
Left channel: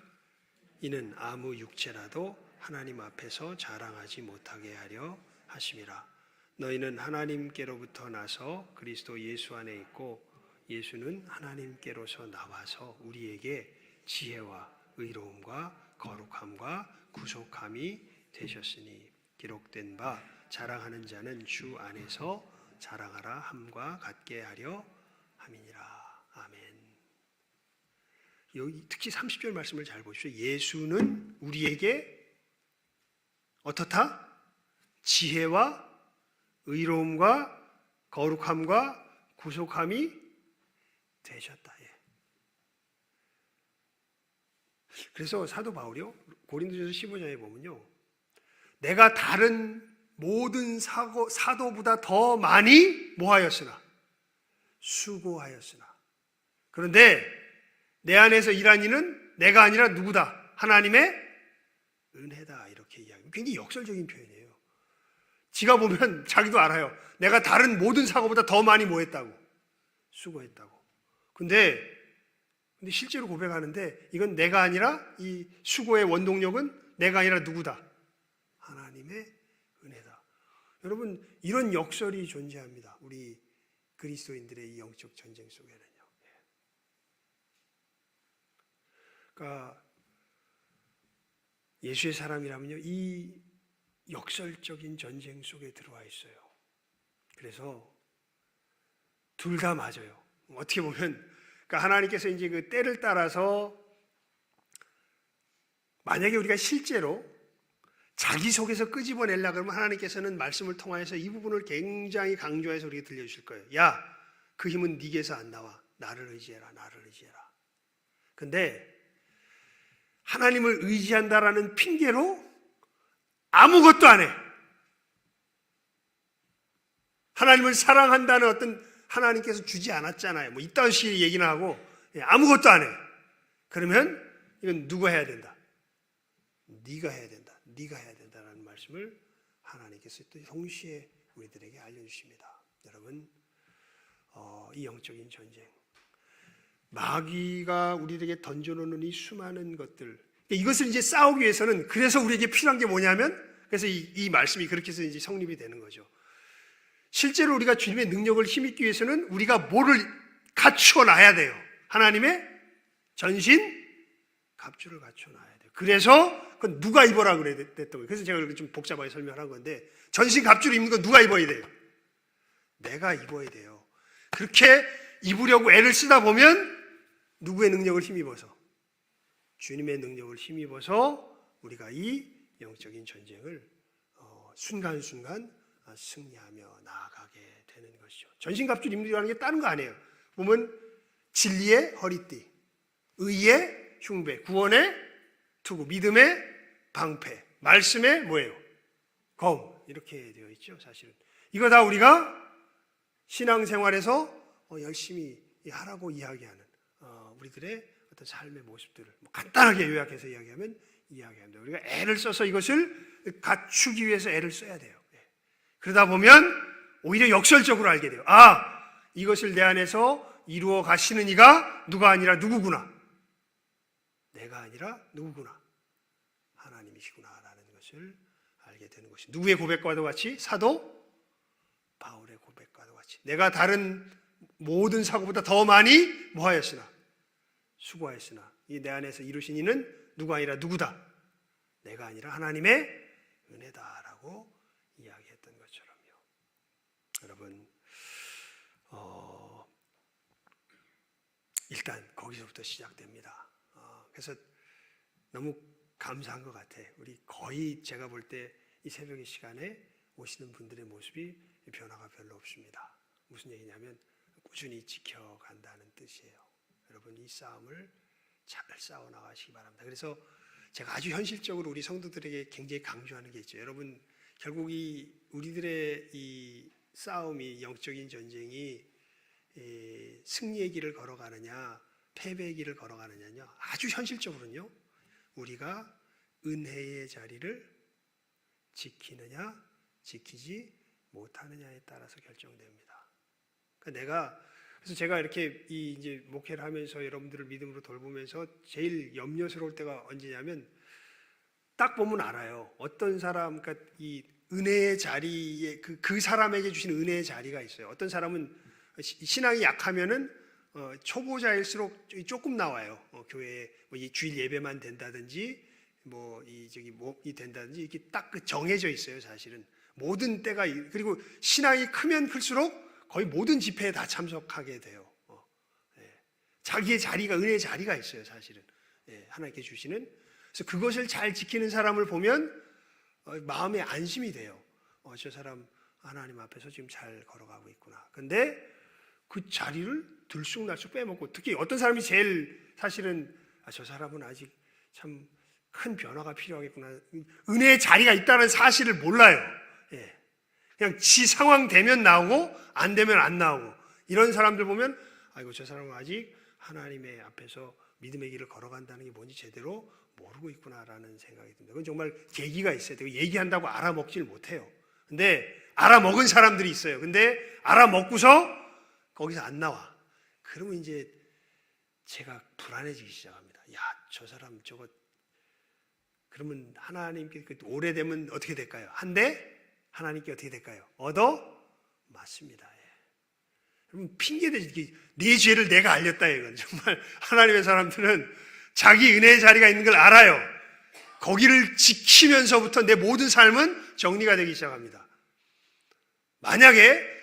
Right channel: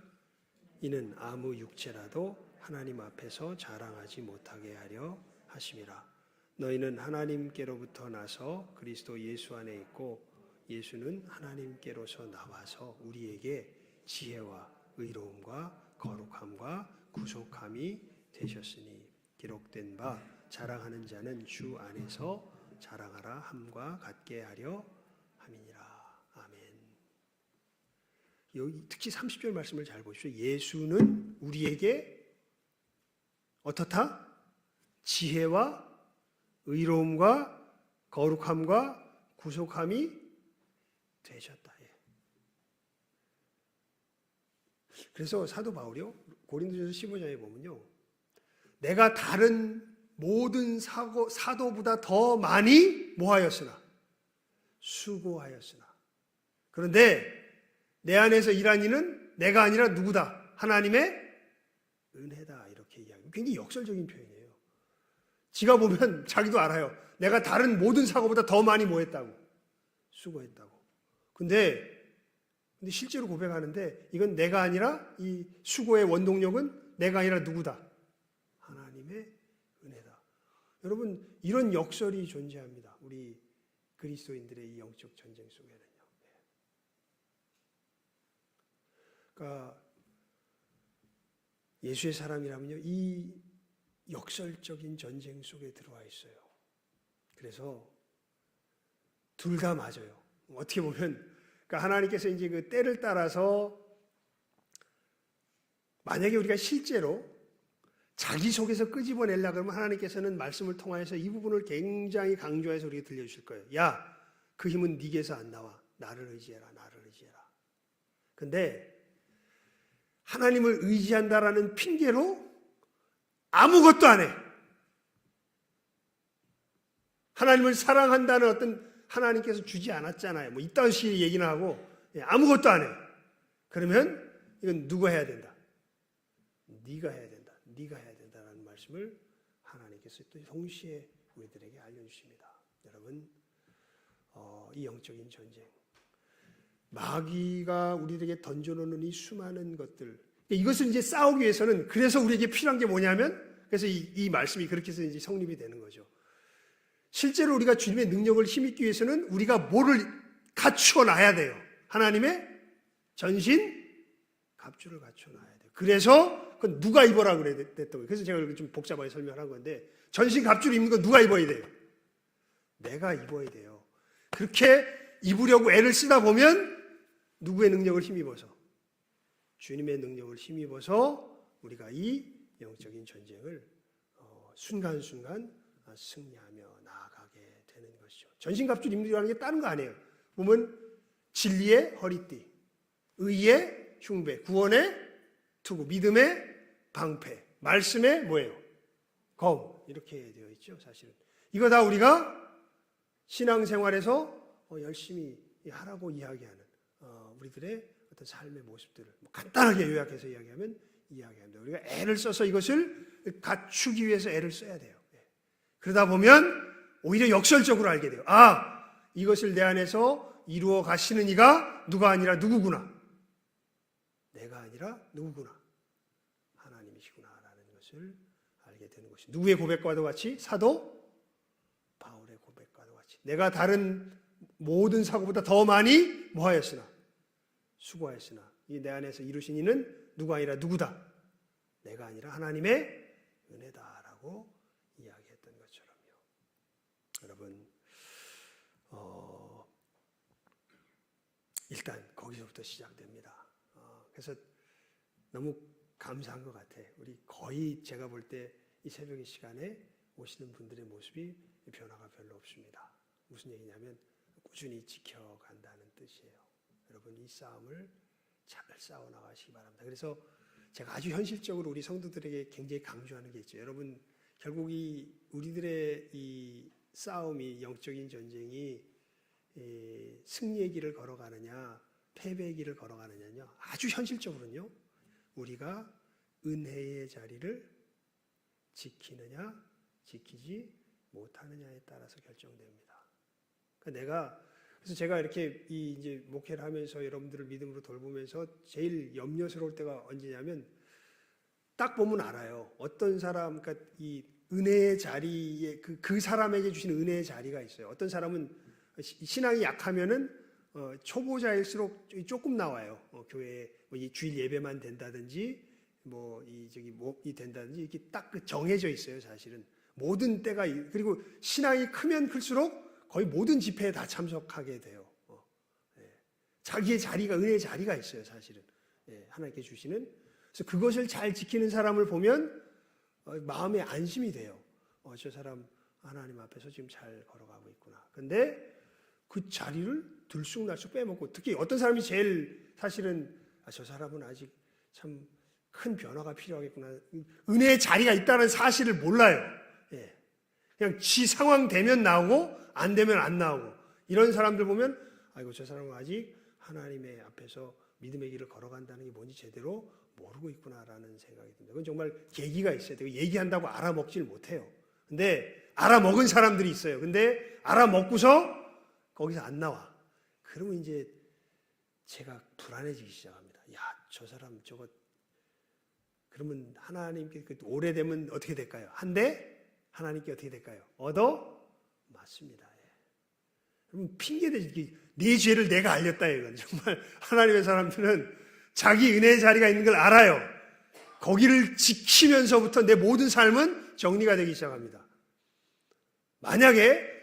이는 아무 육체라도 하나님 앞에서 자랑하지 못하게 하려 하심이라. 너희는 하나님께로부터 나서 그리스도 예수 안에 있고 예수는 하나님께로서 나와서 우리에게 지혜와 의로움과 거룩함과 구속함이 되셨으니 기록된 바 자랑하는 자는 주 안에서 자랑하라 함과 같게 하려 함이니라. 아멘. 여기 특히 30절 말씀을 잘 보십시오. 예수는 우리에게 어떻다? 지혜와 의로움과 거룩함과 구속함이 되셨다. 그래서 사도 바울이요, 고린도전서 15장에 보면요, 내가 다른 모든 사도보다 더 많이 뭐하였으나 수고하였으나, 그런데 내 안에서 일한 이는 내가 아니라 누구다? 하나님의 은혜다. 이렇게 이야기합니다. 굉장히 역설적인 표현이에요. 지가 보면 자기도 알아요. 내가 다른 모든 사고보다 더 많이 뭐 했다고? 수고했다고. 근데 실제로 고백하는데 이건 내가 아니라 이 수고의 원동력은 내가 아니라 누구다? 하나님의 은혜다. 여러분 이런 역설이 존재합니다. 우리 그리스도인들의 이 영적 전쟁 속에는요. 그러니까 예수의 사람이라면요 이 역설적인 전쟁 속에 들어와 있어요. 그래서 둘 다 맞아요. 어떻게 보면 그러니까 하나님께서 이제 그 때를 따라서 만약에 우리가 실제로 자기 속에서 끄집어내려고 그러면 하나님께서는 말씀을 통하여서 이 부분을 굉장히 강조해서 우리에게 들려주실 거예요. 야, 그 힘은 네게서 안 나와. 나를 의지해라. 나를 의지해라. 근데 하나님을 의지한다라는 핑계로 아무것도 안 해. 하나님을 사랑한다는 어떤 하나님께서 주지 않았잖아요. 뭐 이딴 식의 얘기나 하고 아무것도 안 해. 그러면 이건 누가 해야 된다? 네가 해야 된다. 네가 해야 된다라는 말씀을 하나님께서 또 동시에 우리들에게 알려주십니다. 여러분 이 영적인 전쟁 마귀가 우리에게 던져놓는 이 수많은 것들 이것을 이제 싸우기 위해서는 그래서 우리에게 필요한 게 뭐냐면 그래서 이 말씀이 그렇게 해서 이제 성립이 되는 거죠. 실제로 우리가 주님의 능력을 힘입기 위해서는 우리가 뭐를 갖추어 놔야 돼요. 하나님의 전신 갑주를 갖추어 놔야 돼요. 그래서 그건 누가 입어라 그랬던 거예요. 그래서 제가 이렇게 좀 복잡하게 설명한 건데 전신 갑주를 입는 건 누가 입어야 돼요? 내가 입어야 돼요. 그렇게 입으려고 애를 쓰다 보면 누구의 능력을 힘입어서? 주님의 능력을 힘입어서 우리가 이 영적인 전쟁을 순간순간 승리하며 나아가게 되는 것이죠. 전신갑주를 입는다는 게 다른 거 아니에요. 보면 진리의 허리띠, 의의 흉배, 구원의 투구, 믿음의 방패, 말씀의 뭐예요? 검 이렇게 되어 있죠. 사실은 이거 다 우리가 신앙생활에서 열심히 하라고 이야기하는 우리들의 어떤 삶의 모습들을 간단하게 요약해서 이야기합니다. 우리가 애를 써서 이것을 갖추기 위해서 애를 써야 돼요. 그러다 보면 오히려 역설적으로 알게 돼요. 아, 이것을 내 안에서 이루어 가시는 이가 누가 아니라 누구구나. 내가 아니라 누구구나. 하나님이시구나라는 것을 알게 되는 것이. 누구의 고백과도 같이 사도 바울의 고백과도 같이 내가 다른 모든 사고보다 더 많이 뭐하였으나 수고하였으나 이 내 안에서 이루신 이는 누가 아니라 누구다. 내가 아니라 하나님의 은혜다라고 이야기했던 것처럼요. 여러분 일단 거기서부터 시작됩니다. 그래서 너무 감사한 것 같아. 우리 거의 제가 볼 때 이 새벽의 시간에 오시는 분들의 모습이 변화가 별로 없습니다. 무슨 얘기냐면 꾸준히 지켜간다는 뜻이에요. 여러분 이 싸움을 잘 싸워나가시기 바랍니다. 그래서 제가 아주 현실적으로 우리 성도들에게 굉장히 강조하는 게 있죠. 여러분 결국 우리들의 이 싸움이 영적인 전쟁이 승리의 길을 걸어가느냐 패배의 길을 걸어가느냐요. 아주 현실적으로는요. 우리가 은혜의 자리를 지키느냐 지키지 못하느냐에 따라서 결정됩니다. 그래서 제가 이렇게 이제 목회를 하면서 여러분들을 믿음으로 돌보면서 제일 염려스러울 때가 언제냐면 딱 보면 알아요. 어떤 사람, 그러니까 이 은혜의 자리에 그 사람에게 주신 은혜의 자리가 있어요. 어떤 사람은 신앙이 약하면은 초보자일수록 조금 나와요. 교회에 이 주일 예배만 된다든지 이 된다든지 이렇게 딱 정해져 있어요. 사실은 모든 때가 그리고 신앙이 크면 클수록 거의 모든 집회에 다 참석하게 돼요. 자기의 자리가 은혜의 자리가 있어요. 사실은 하나님께 주시는. 그래서 그것을 잘 지키는 사람을 보면 마음에 안심이 돼요. 저 사람 하나님 앞에서 지금 잘 걸어가고 있구나. 근데 그 자리를 들쑥날쑥 빼먹고 특히 어떤 사람이 제일 사실은 저 사람은 아직 참 큰 변화가 필요하겠구나. 은혜의 자리가 있다는 사실을 몰라요. 그냥 지 상황 되면 나오고 안 되면 안 나오고 이런 사람들 보면 아이고 저 사람은 아직 하나님의 앞에서 믿음의 길을 걸어간다는 게 뭔지 제대로 모르고 있구나라는 생각이 듭니다. 그건 정말 계기가 있어야 돼요. 얘기한다고 알아먹질 못해요. 근데 알아먹은 사람들이 있어요. 근데 알아먹고서 거기서 안 나와. 그러면 이제 제가 불안해지기 시작합니다. 야, 저 사람 저거. 그러면 하나님께 오래되면 어떻게 될까요? 한데 하나님께 어떻게 될까요? 얻어 맞습니다. 예. 그러면 핑계대지. 네 죄를 내가 알렸다 이건. 정말 하나님의 사람들은 자기 은혜의 자리가 있는 걸 알아요. 거기를 지키면서부터 내 모든 삶은 정리가 되기 시작합니다. 만약에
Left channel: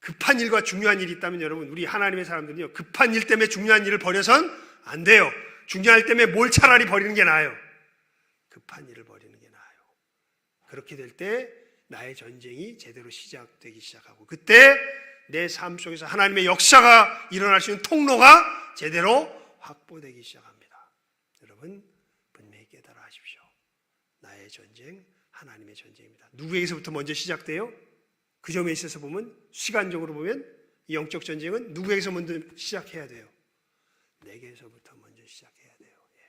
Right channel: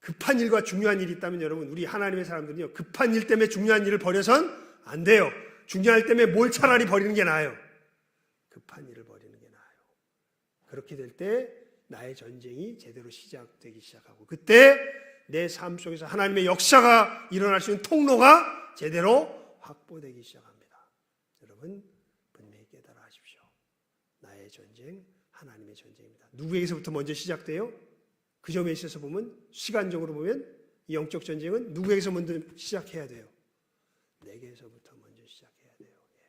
급한 일과 중요한 일이 있다면 여러분, 우리 하나님의 사람들은요, 급한 일 때문에 중요한 일을 버려선 안 돼요. 중요한 일 때문에 뭘 차라리 버리는 게 나아요. 급한 일을 버리는 게 나아요. 그렇게 될 때 나의 전쟁이 제대로 시작되기 시작하고, 그때 내 삶 속에서 하나님의 역사가 일어날 수 있는 통로가 제대로 확보되기 시작합니다. 여러분, 분명히 깨달아 하십시오. 나의 전쟁, 하나님의 전쟁입니다. 누구에게서부터 먼저 시작돼요? 그 점에 있어서 보면, 시간적으로 보면 이 영적 전쟁은 누구에게서 먼저 시작해야 돼요? 내게서부터 먼저 시작해야 돼요. 예.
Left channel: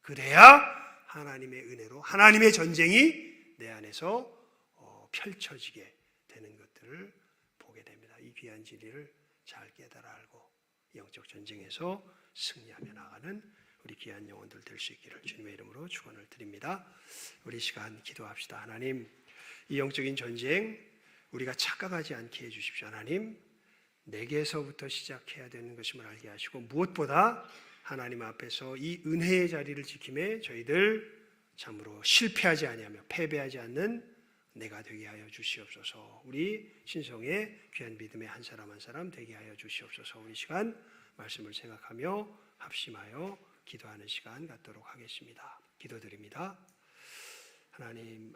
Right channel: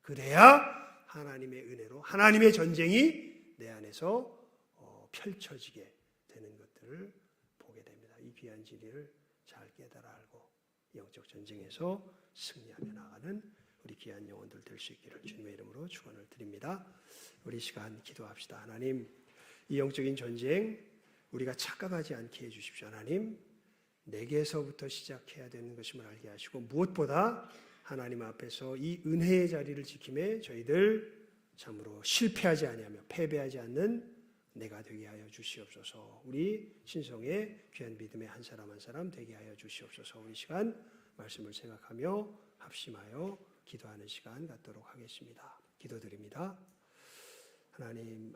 그래야 하나님의 은혜로 하나님의 전쟁이 내 안에서 펼쳐지게 되는 것들을 보게 됩니다. 이 귀한 진리를 잘 깨달아 알고 영적 전쟁에서 승리하며 나가는 우리 귀한 영혼들 될 수 있기를 주님의 이름으로 축원을 드립니다. 우리 시간 기도합시다. 하나님, 이 영적인 전쟁 우리가 착각하지 않게 해주십시오. 하나님, 내게서부터 시작해야 되는 것임을 알게 하시고, 무엇보다 하나님 앞에서 이 은혜의 자리를 지킴에 저희들 참으로 실패하지 아니하며 패배하지 않는 내가 되게 하여 주시옵소서. 우리 신성의 귀한 믿음의 한 사람 한 사람 되게 하여 주시옵소서. 우리 시간 말씀을 생각하며 합심하여 기도하는 시간 갖도록 하겠습니다. 기도드립니다. 하나님,